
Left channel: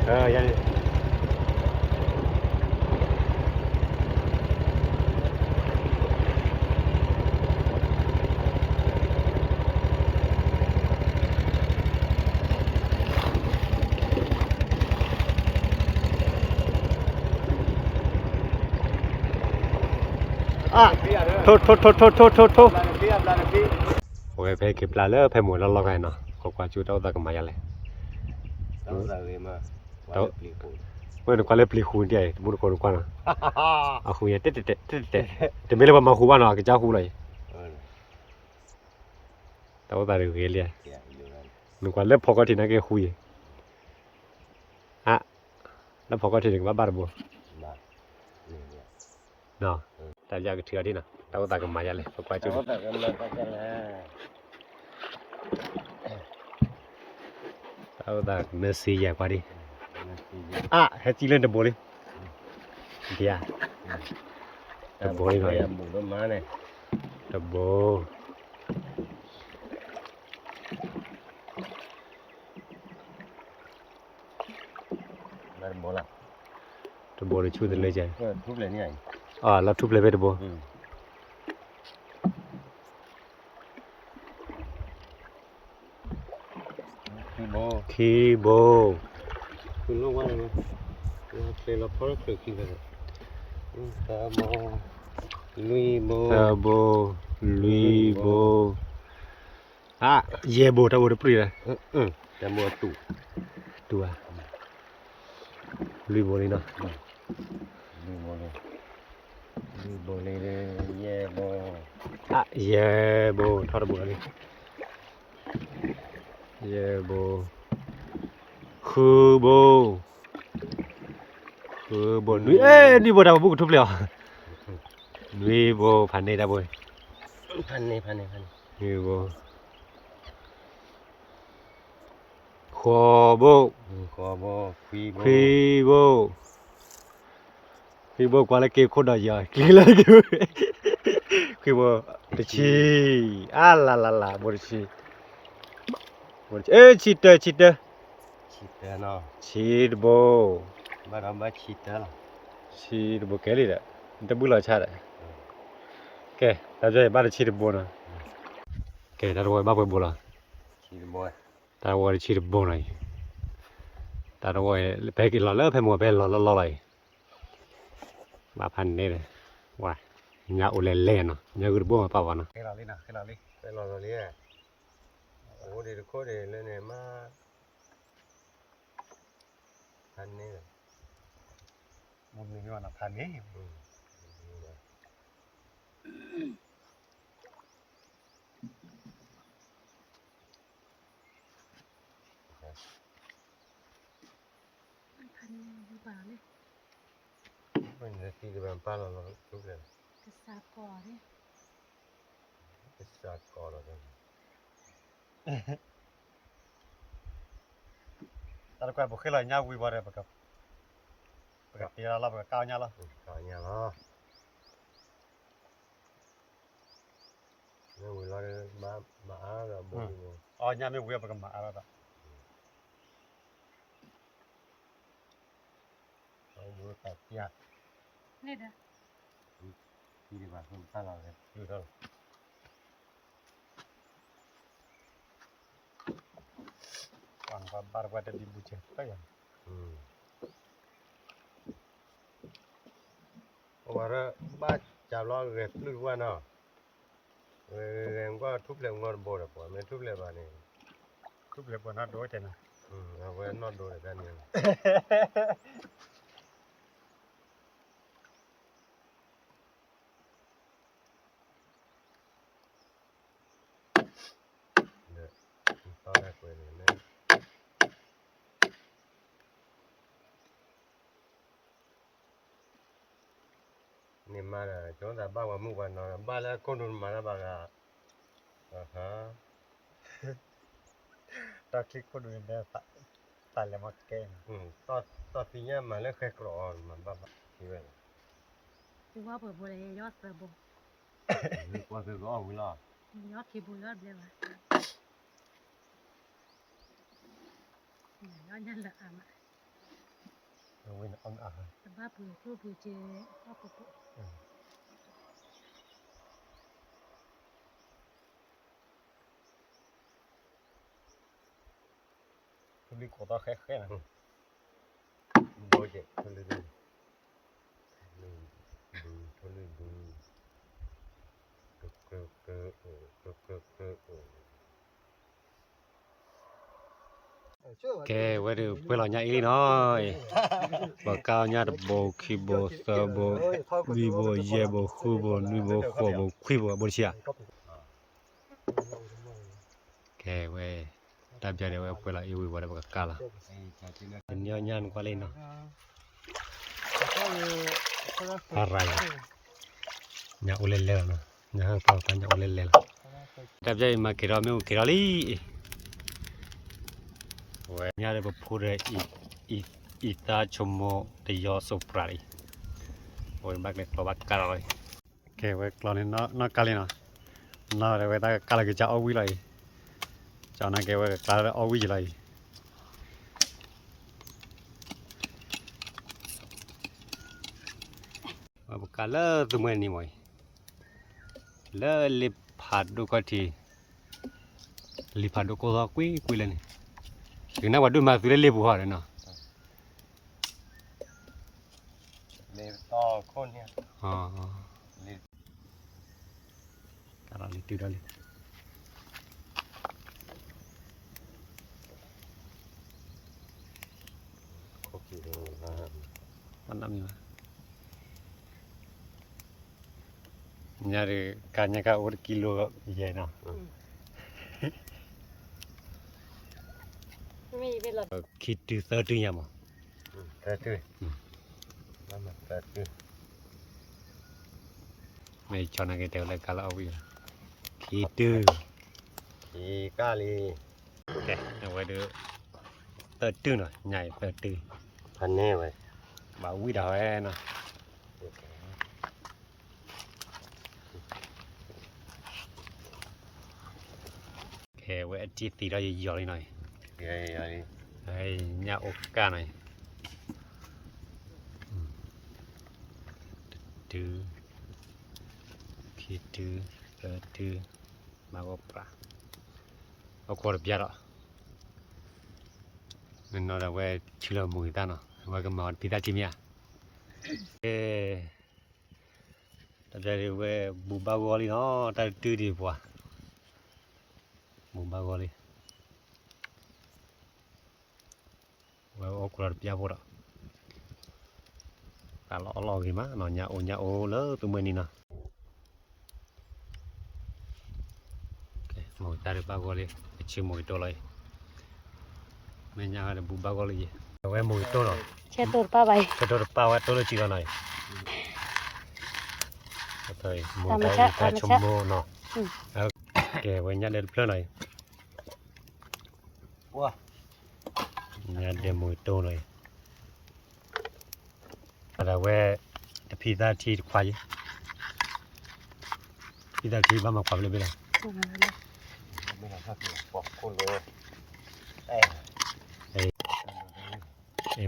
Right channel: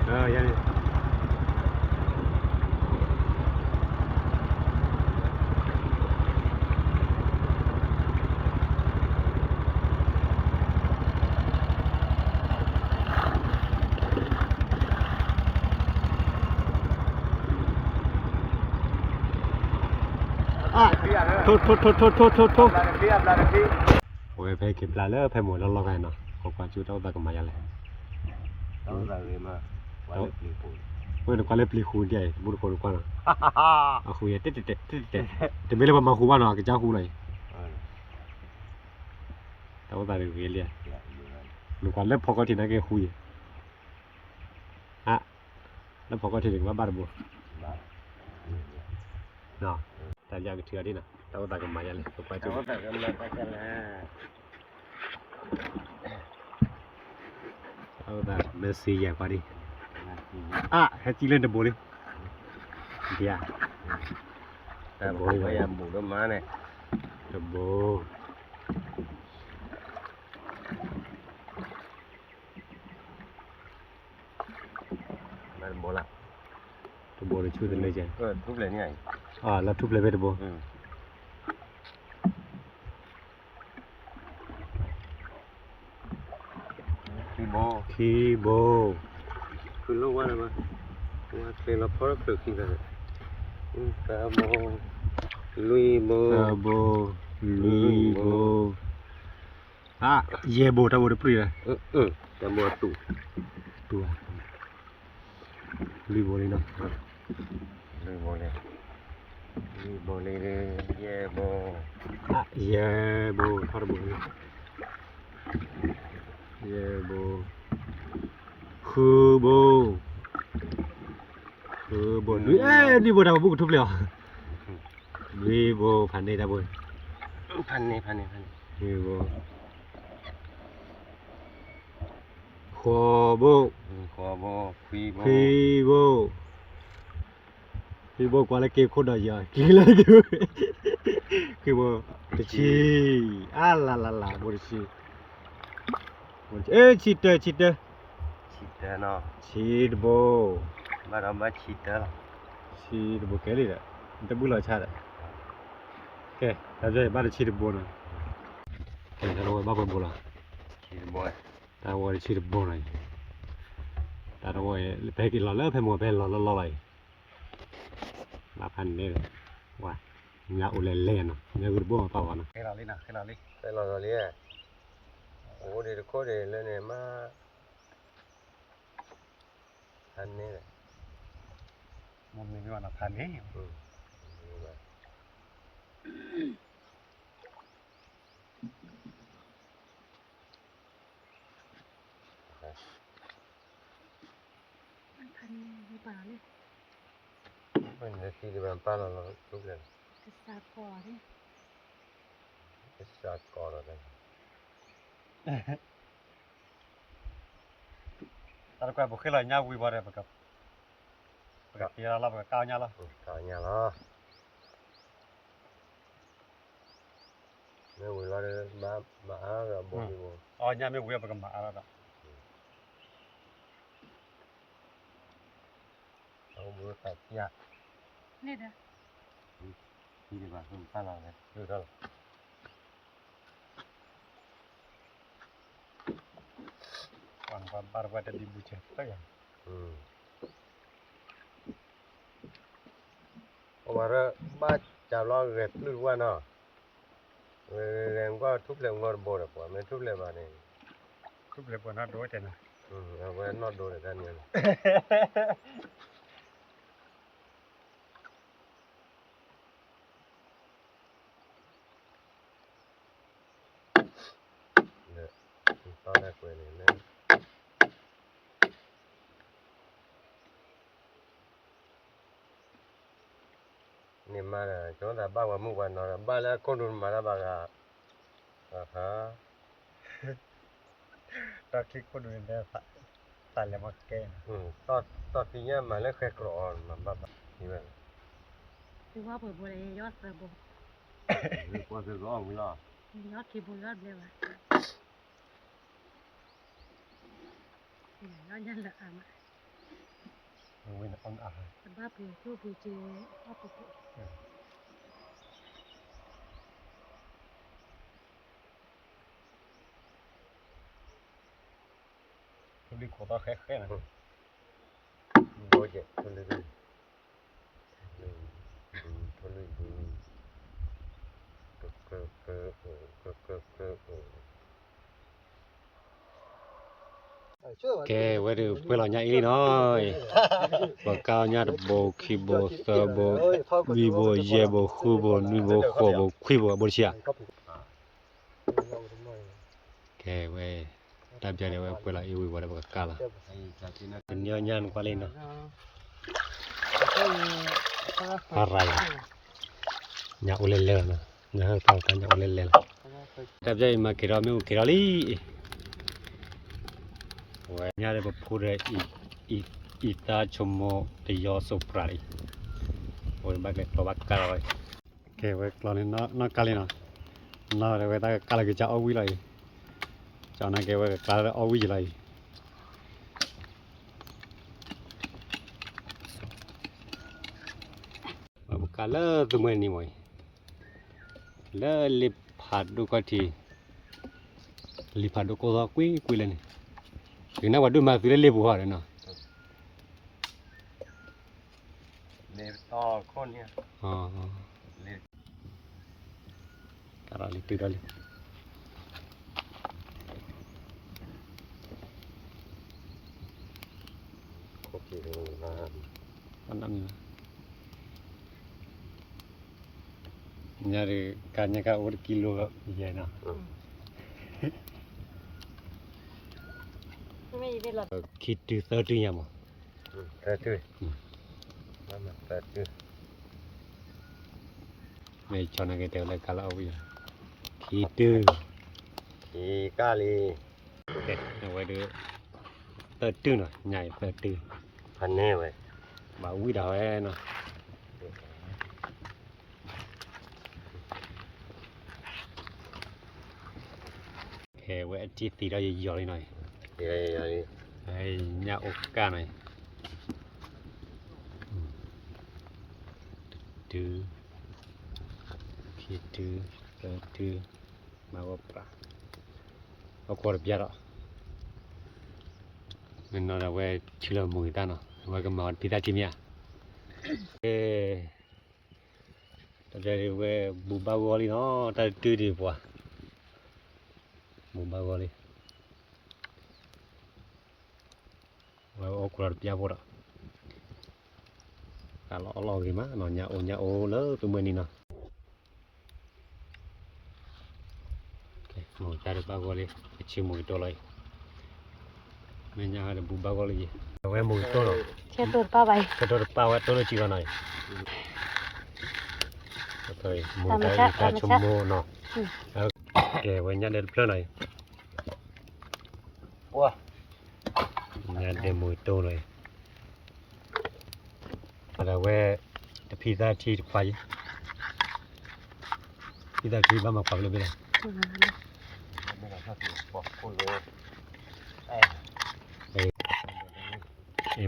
ปลาอย่างนี้โทษโอ้ยไปเก็บปลาแล้วไปหมดแล้วเราไงเนาะเขากว่าจุดเอาตะกันมาอย่างไรเมื่อก่อนเล่นปลีคูนเดียบุรุษคนกว่านะเอาคุยเตะแต่ไม่เล่นมาคูบ้านเนาะก็เจ้าคูเลยแต่ว่าตาเรื่องเลี้ยเมื่อก่อนเล่นพอก็ทีนั้นก็คุยฮะแล้วพอก็ทีนึงว่าบ้านบุเนาะแต่อยากเถื่อดีนะแต่ว่าตากันมาอย่างไรเขากว่าจุดเอาแต่เนื้อสีใหญ่กว่าดิให้จีเล่นเดบโบลิเดียเดบโบลิมาบุกต้นไม้เนี่ย เดบโบนั่นโบละ เดบโบลิช่วยตัวเลยใจ ทุบเลยนี่ไง แล้วทุบเลยไปเดบโบคีโบคือลูกว่าอะไรมั้ยว่าเคยเราพอเคยกินกันตาโบลุยโบเย่โบตาโบเดปรีเลยตาโบตู่ตัวลุยโบเลยเนาะลุยโบเลยเย่โบทอดโบเลยเย่โบคือโบลุยนี่โบตาโบทุบเลยลุยโบพันนี่ตาโบพันนี่ลุยโบขอโบคุยโบกว่าละเก็บคนดอยกินละเก็บคุยโบตะชีลาโบตะชีชิดเนาะโบบ้านเราบ้านชิดแล้วชีดโบแกลี่แหละจะบุลาชาเลยแกเราจะบ้านชีดโบนะแกเราจะบ้านโบละเราจะชีดโบหน่อยเราจะไปกินหล่อเลิกไปหมดไปหล่อเลยมาพันนี่เลยว้ายาอุเลเล่เนาะยากุโบมาป่าวนะให้เราเลยโอ้เดี๋ยวโคตรเลยเนี่ยมาพันนี่เลยมันมีว่านักทานเนี่ย ที่ที่มันป้าเราทุกเลย กระซาก่อนี่ ไอ้สัตว์ก่อนเราเลย ตอนก่อนบุคคลเงาวิบวัตรกับที่เรากับก้าวเงาละ cả nhà lo nếu người lo đi má rồi bố đi bố อ๋อเงาไม่วิบกับมาอะไรละ ông bố tại kia นี่เด้อ đi đi bà không ta làm cáiอยู่เท่าวันก่อนบาร์บัดดีบุเชตก็ยัง mà đó ba chào lo gẹp luôn qua nó em có thúc lên ngon bố được quả mấy thúc lên bà này ทุกเรื่องบนนั้นด้วยแต่นะ với nó đồ để ra nhiều được to ra quên này nè niệm mà là chúng ta ba qua mua quần nó là ba là con đun mà nó ba là hả ตาคลิกคนอื่นได้ตายแล้วมาแก้ to tí nhá mà nó khét rõ mà ba như vậy กูว่าเปิดบ่ได้ยอดเปิดบ่ qua cái rõ mới lo ยอดที่บ่ยอดเลยวะยอดยันละอ่ะมา วินออนอาหาร แต่บ้าปือทูปือเจอ้อปปุ ทุกทีขอตาแค่นะ bố chị thôi đi thôi điแกไว้ดูเพื่อเราใหญ่อีน้อยบ่ก้าวญาติบ่ขี้บ่เสบ่วีบ่เย่บ่คูบ่นุบ่ขอบ่คุยบ่บ่เชียแกไว้ตับใจไว้เพื่อเราอีวีบ่ได้บ่กะละเป็นยอญานกว่าเลยเนาะอะไรญาอุเลเลเนาะญาเปล่ากันญาอุเลเลตับใจมากิรอมิวกิรอลีnhà đây bố phụ đấy ít ta chôm mò để gió sụp lại rồi bác lại lo bác cá rồi cái vậy lo nên nó cá lên nó để vậy ta cá lại cái cháu quý lại cháu này cái vậy cá lại quý lại và một cá lơ tụi mình đi mày lơ lip hạt đu cái thì lip hạt đu có quý lên nàyถึงนั้นว่าดูมาซื้อเล่บุหรี่เนาะ để to con nha อ๋อการอะไรตื่นอะไร kopi dengan มันน้ำมีมั้ยเนี่ยเรื่องการเนี่ยก็1 กิโลใหญ่เนาะ ไม่เป็นหรอก คิดดูเท่าที่ยังมั้ง ta tươi mà ta tươi ไม่ชอบนักเตะเลยการเอาอยู่คิดดู thì cá li โอเคเอาไว้ดูเติร์ดตื้อหน่อยใหญ่เติร์ดตื้อ anh nè vậy บ่าววิ่งดาวเนาะโอเคไว้จีตีเราจะย่อเลยหน่อย thì đâyไอ้ญาโอกาหน่อยดูคิดดูเติร์ดตื้อมาก็ปลาเอาขวดเบียร์อ่ะมันนอนเอาไว้ชิลล์มือตาเนาะไว้ก็มาพิธาจิมยาแต่เดี๋ยวไว้บุบาวอลีเนาะแต่ตื้อดีกว่าบุบาวอลีไว้เอาขวดเบียร์พอละkalau gimana no nyao le tuh ini nah oke mau cari bagoli kecil mau itu lagi minyak ada bu bagoli ya mau itu loh เช็ดตูดป้าไป kedua pawat tuh cikan aja thôi muốn cái ta chum mô nó kể với nhà đến plơ này Ủa nhà đến mùi tô này là về pizza chi khoai pizza chi bao mà khoai luôn bây giờ bây giờ sao thì bỏ con rồi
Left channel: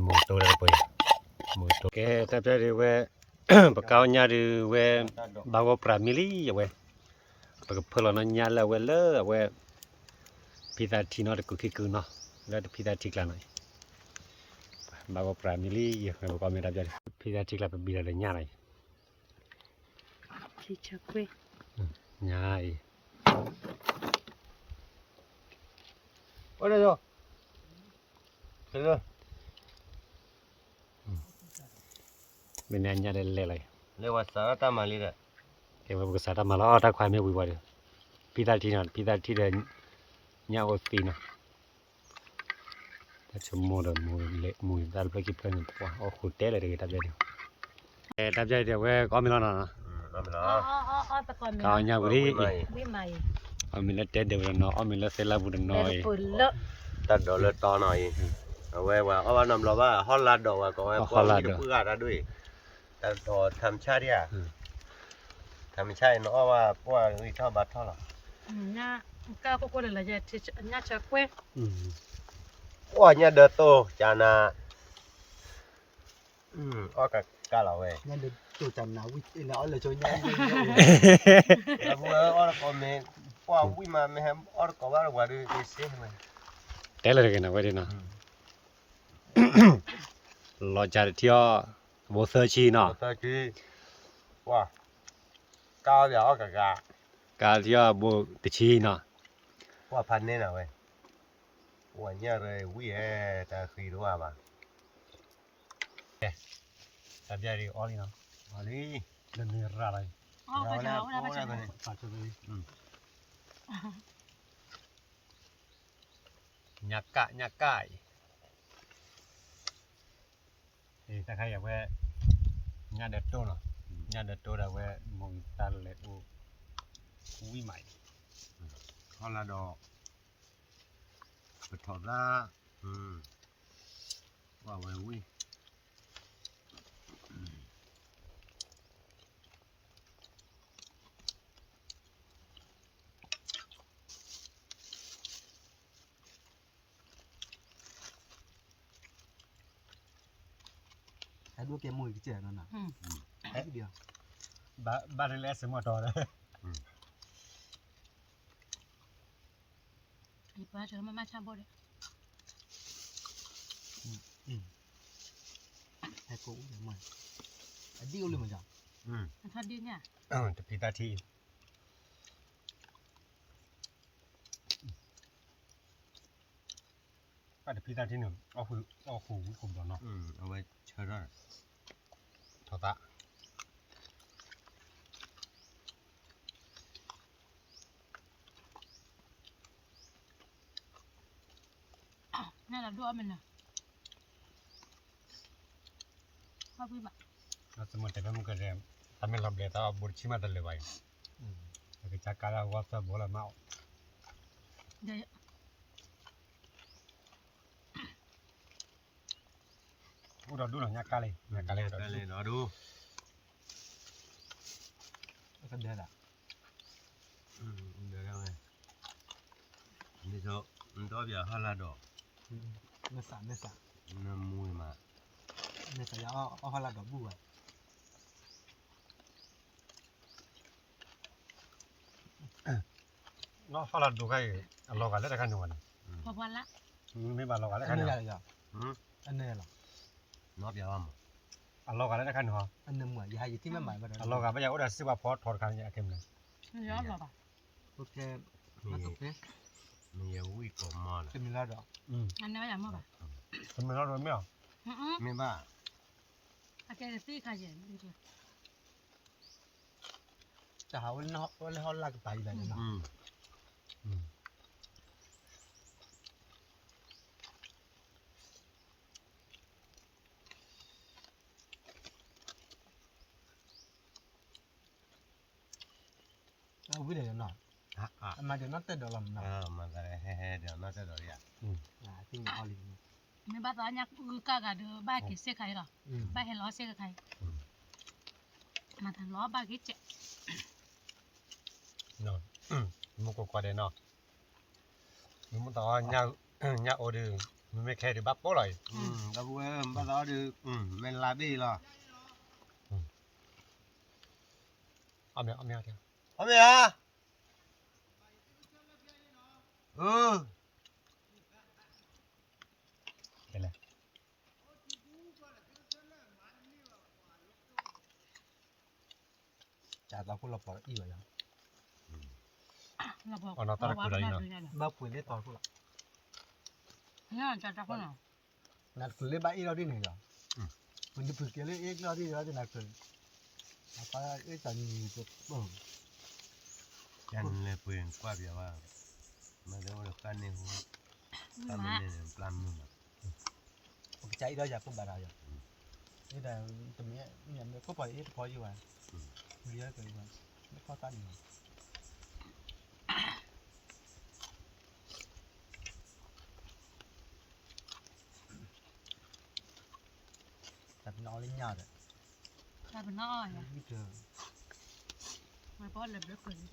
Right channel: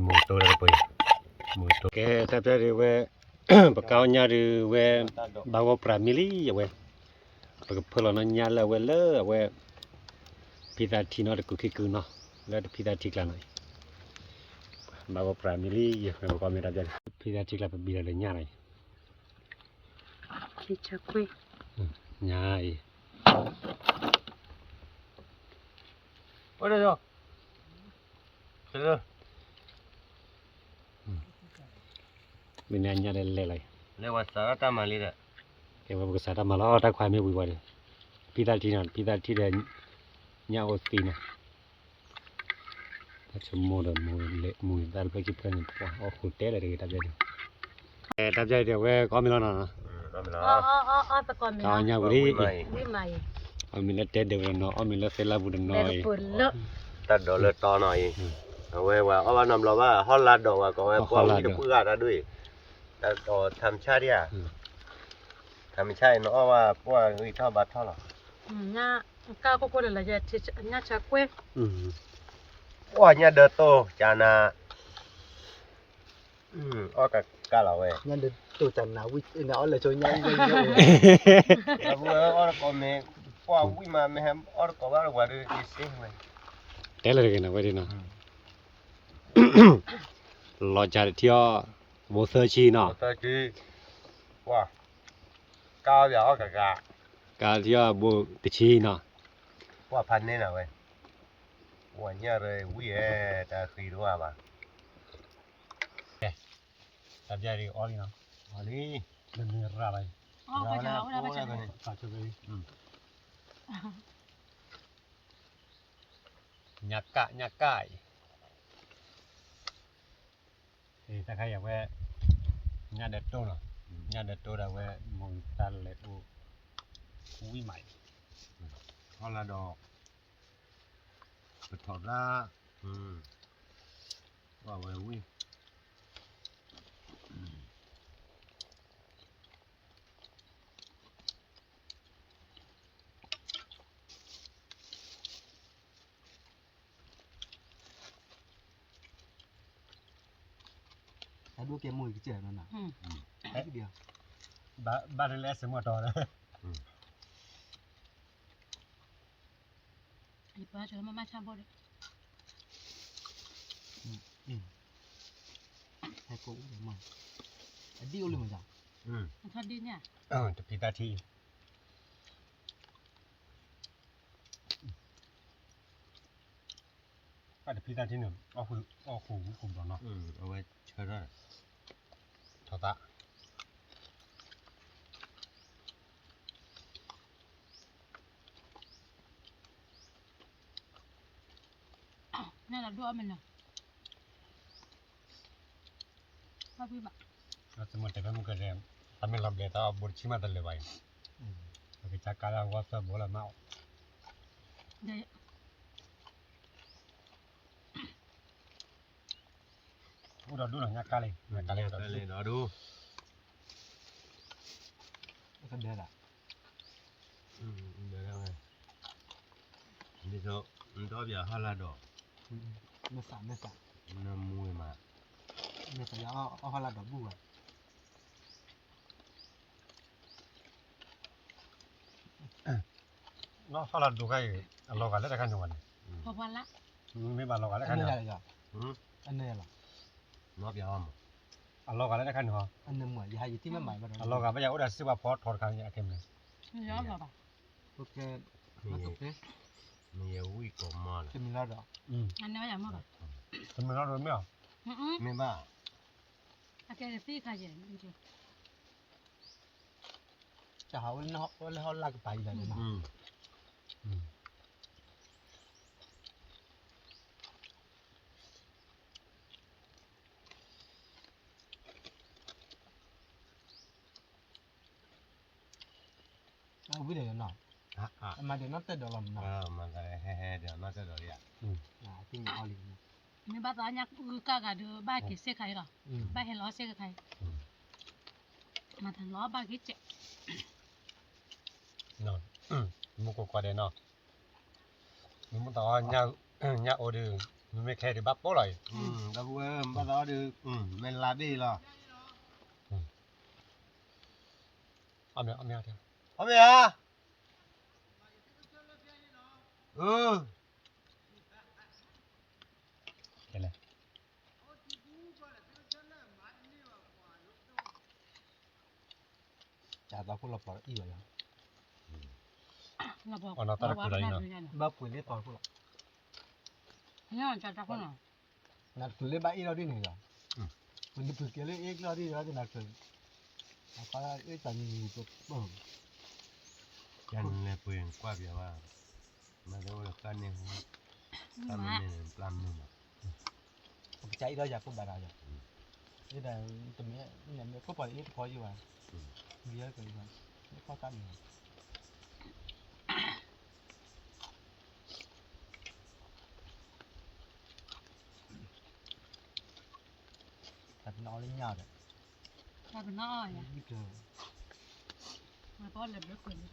mùi tô là bồi mùi tô cái tập ra đi về bà cao nhà đi về bao gồm pramili vậy bà cái phở nó nhà là về lỡ về pizza chi nó được cực kỳ nó là pizza chi là này bao gồm pramili vậy bà cao mình tập ra pizza chi là bị là nhà này chị chắc quê nhà này ở đây rồi thế rồi bên này nhà đây lại lấy vào xã ta mà đi đấy cái mà cái sao mà lo ta khoai mấy bụi vậy pizza chi là nhà ở pin nó ta chum mô rồi mùi dal phải kịp cái này ở khu té lại được tập dây thì về có mình lo nè tao còn mình cao nhà bự đi mày mình là té đều nó mình là xe la bụi nó bự lợ ta đổ lên to này về và ở nằm lo ba họ là đồ và có qua cái bữa ra đuôi ta đổ tham cha đi à tham cha nóว่าว่าngười cho bát thôi là nha cao cô là giờ thì nha chắc quêว่าnhà đợt to chả na ở cả là về nhân đến tổ chẳng nào quýt nó là cho nhanh vừa ở có mình qua vui mà mình hem ở có bao giờ được cái xe này té lại cái nào vậy đi nó lo chả theo bộ sơ chi nó ta chi wow cao giờ cả cả theo bộ tự chi nó quaพันนี่นะเว้ยว่าเนี่ยเลยวิ่งแต่คือรู้ว่า tập dây thì oli nó oli lần này ra lại phải chào phát cho về nhạc cãi thì ta khai về nhà đất tô nó nhà đất tô là về mong ta lại u quý mày họ là đồ bật thọt ra vào về vui cái đua cái mùi cái trẻ nó nào cái điều ba đây lẽ sớm mà trò đấy thì ba chờ mà chăm bố đấy cái cũ để mày cái điêu lên mà chẳng thật đi nha tập pizza thi tập pizza thi nữa ở khu đó nóเอาไว้เชิญด้วย thọ tạ nên là đua mình nè bao nhiêu bạn nó sẽ một cái một cái gì ta mình làm để ta bột chi mà ta lấy vậy cái chắc cả là quá sợ bố là mạo đấy u đó đúng là nhát cá lên đó đu cái đây là được rồi bây giờ đó giờ họ là đồ nó xả nó mùi mà nó xả họ là đỏ bù à nó phải là đủ cái lò cái lấy cái nào có quan lắm mấy bà lò cái lấy cái anh nào này là anh này là nó giờ không lò cái lấy cái nào anh nằm ngoài hai gì tí mấy mày mà lò cái bây giờ đã xếp vào pot thọt cái này kem này nhớ rồi bà ok nó tốt thế nhiều vui cổ mò cho mình lo đó anh nói là mua bà tụi mình nó rồi mấy mấy ba cái gì khai gì chả hỏi nó là cái tay này mà เอาวิเดียวหน่อย มาเดี๋ยวนั่นเต้เดี๋ยวลำหน่อย มันก็เลยแฮ่ๆเดี๋ยวน่าจะเดี๋ยวอ่ะ ที่มีออลิน ไม่บ้าตอนยักกากาดูบ้ากี่เสียใครหรอบ้าเห็นล้อเสียใครมาถึงล้อบ้ากี่เจ็บ นอนมึงก็กว่าเด้เนาะมึงต่อญาโอดืมึงไม่แค่ดิบับโป้เลย ก็เว้ยบ้านเราดูมันลาบี้หรอ เอาเมียเถอะ เอาไปอ่ะเห็นเลย จ่าตอนพวกเราปล่อยอีกแล้ว เราบอก อ๋อเราตัดกูได้เนาะ บ้าปุ๋ยเล่ตอนพวกเรา เนี่ยจะจับคนหรอ นัดปุ๋ยเล่บ้าอีเราที่หนึ่งอย่างมันจะปุ๋ยเกลี่ยเอ็กเราที่นัดปุ๋ยapa itu ni tu Yan le pueden qua via va. Ma devo lo canne ho. Kami ne plan mu ma. chạy ra giờ cũng bà rồi thế là tụi mình có phải ít có gì vậy bây giờ cái nó có tan rồi tập nó lên nhau rồi ถ้าเป็นน้อยอ่ะ biết chưa มาป้อนเลยเด็กคนนี้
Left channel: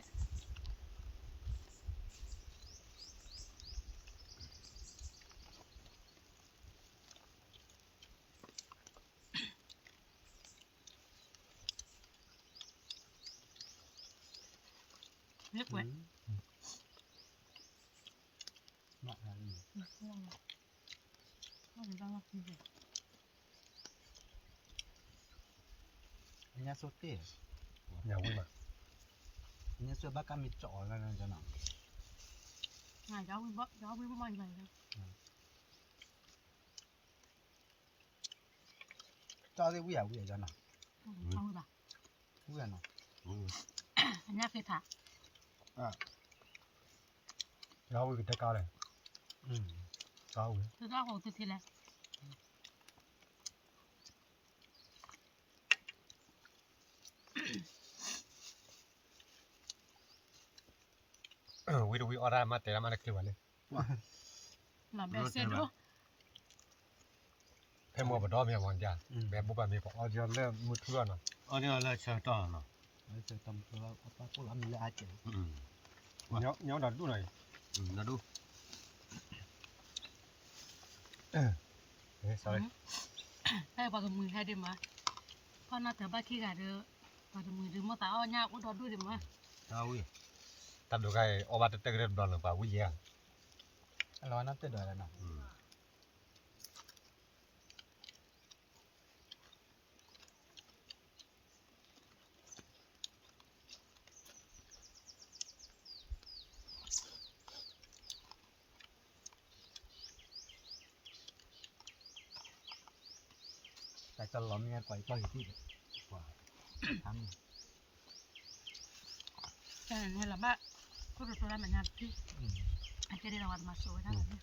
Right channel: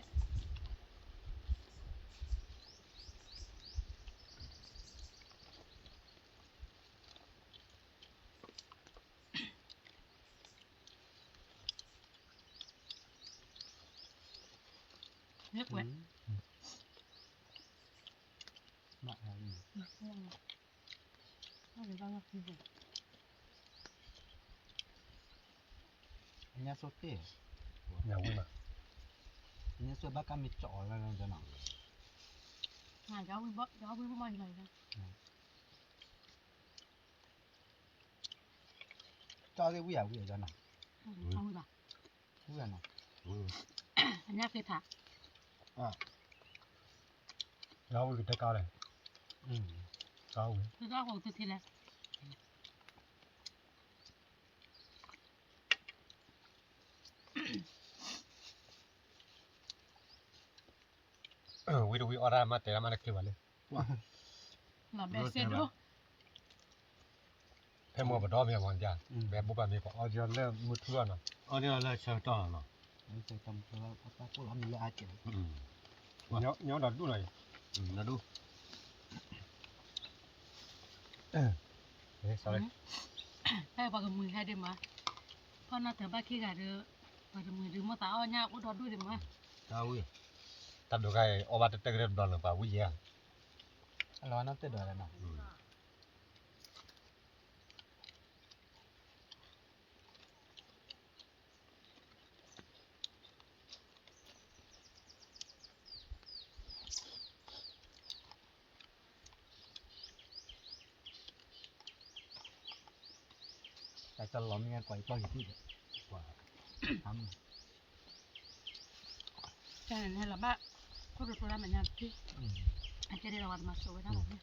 เล็กเว้ย nó là gì ไม่ได้บ้างว่าคือ nhà số tê อย่าวิ่งมา nhà số bác cam mít chỏ là cho nó ง่ายเอาไปบ่เอาไปบ่มันเลยนะ cho cái vui cho nó เอาไปบ่ vui nó อันนี้คือถัก เราวิ่งได้ก้าวเลยก้าววิ่ง คือก็ของตัวทีแรก วิ่งวิ่งออร่ามาแต่ละมันคือวันเลย หลับได้เสร็จดู เพิ่มมัวบดอมีอะไรจ้ะแบบบุบมีพอเอาจนเริ่มมืดทั่วเนาะ Ở đây là chờ to nó. nó sẽ tầm cho các cô làm gì ai chịu เนี้ยดัดดูหน่อย Nó đu. sorry ได้ปากมือให้ได้มาเพราะน่าจะบ้าขี้กะเด้อปากมือหรือมาตาอ้อยากอุดรดูได้มา Tao ui. ตัดดูไงออกมาแต่เริ่มดอนหรือเปล่าวิ่งเยอะ lo nó tới đời là nó แต่ตลอดมีกว่าก็อยู่ที่กว่าท แต่ในละบ้าก็รู้ตัวแล้วมันยังที่ ำ อาจจะได้รางวัลมาสวยได้ไหม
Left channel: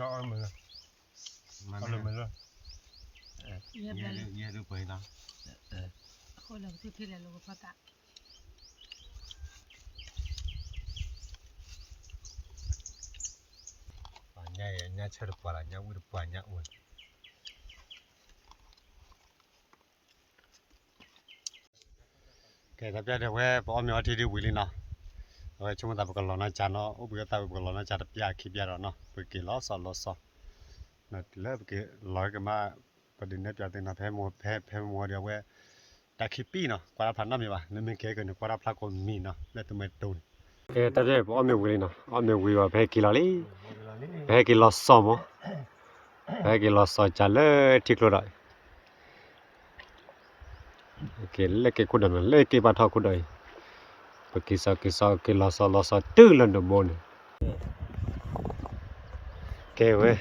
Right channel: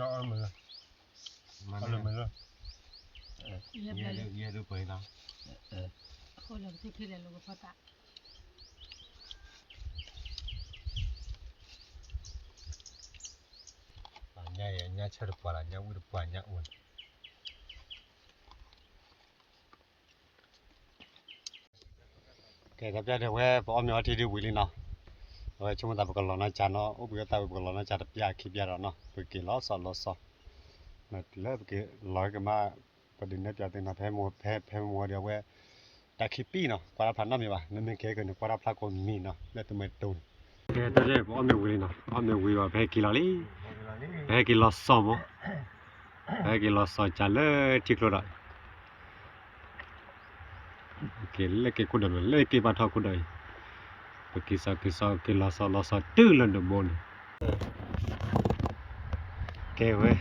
nó ăn mình Mà ăn mình luôn เรียบร้อย ye du pai da. คนเราที่ที่เราลูกพ่อตา nhá chơi được quả là nhá uống được quả nhá uống cái tập ra được cái bỏ mèo thì đi uống đi nào rồi chúng ta bắt đầu nó chả nó úp cái tao bắt đầu nó chả được bia khi bia rồi nó bởi cái lót sọ nó lấy cái lói cái màประเด็นนี้จะเป็นแพ้มัวเดียวเว้ยแต่คลิปปี้เนาะกว่าพันน้ำมีป่ะนั่นเป็นแค่กันกว่าพันคนมีเนาะแล้วตัวไม่ตูนแกตอนนี้เอาไม่วิ่งเนาะเอาไม่วิ่งว่าแพ้กี่ล้อลี่แพ้กี่ล้อซ้อมอ่ะแพ้กี่ล้อซ้อมจะเลิกที่กระโดดแกเลิกแกคุณเดินเลิกแกบ้านท่อคุณเดินไปกี่ล้อซ้อมตื้อเลยเดมอนแกเว้ย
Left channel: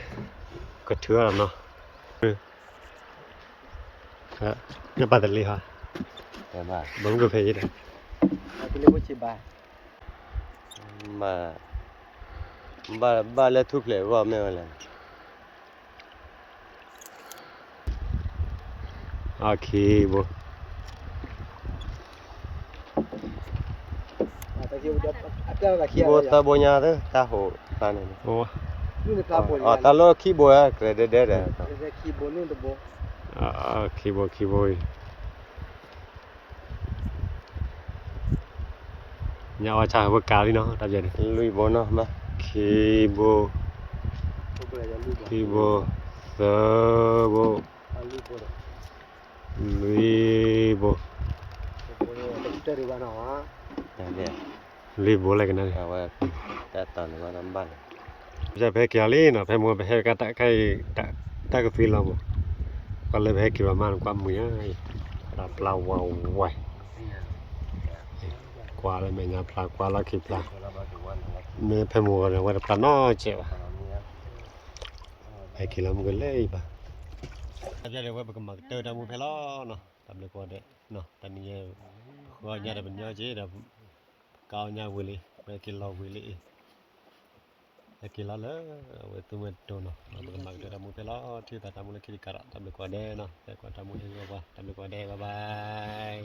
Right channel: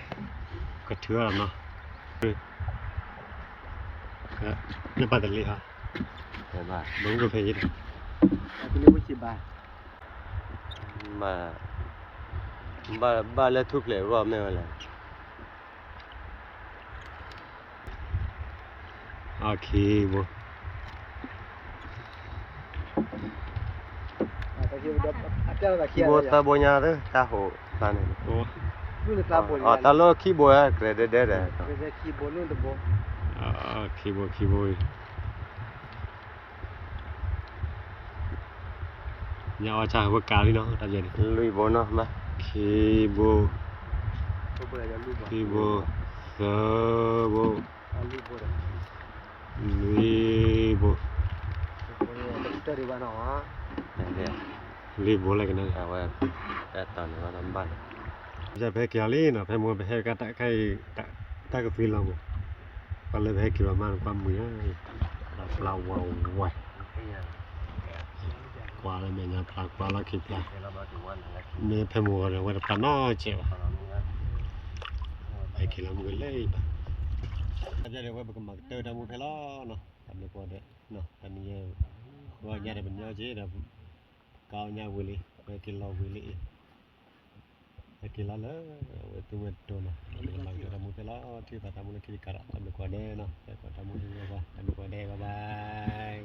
ก็เถื่อนเนาะเนี่ยปัตตานีฮะ Thế mà. Đúng rồi phải vậy. cái này mới chỉ bài ba le thu ple wa me la โอเคบ่ ki bo ta bo nya de ta ho ta ne โอ้ ta lo ki bo ya credit de de คีโบคีโบเนี่ยว่าจะว่ากาลีเนาะตาเจน lui bo no ma คีโบเซโบลีโบ de ลีโบอะไรกันนะ ta wa ta ta no ma ba จะไปเกี่ยวลีเนาะไปมัวไปให้กะตะไข่ตะกะฟีลอมก็เลยไปให้กี่ประมาณความมือปลาปลาวาวไว้กว่าเลยแม่ยาปลากว่าละกี่ปลาเมื่อไปมัวเนี่ยว่าปลาน้อยเจ้าไปกี่ลำกันเลยป่ะจะเรียกว่าเป็นมักเตอร์ดามูเพลอเนาะทำได้กว่าเด้เนาะตอนนี้ว่าญาติเป็นญาติเจ้าก้าวญาวิลีไปกินเหล้าวิลีKila lah, itu betul noh. Kami mak dia tamu pelak, cerita tamu lagi di karak tamu kuade noh. Tamu ini apa? Tamu kuade, bye bye.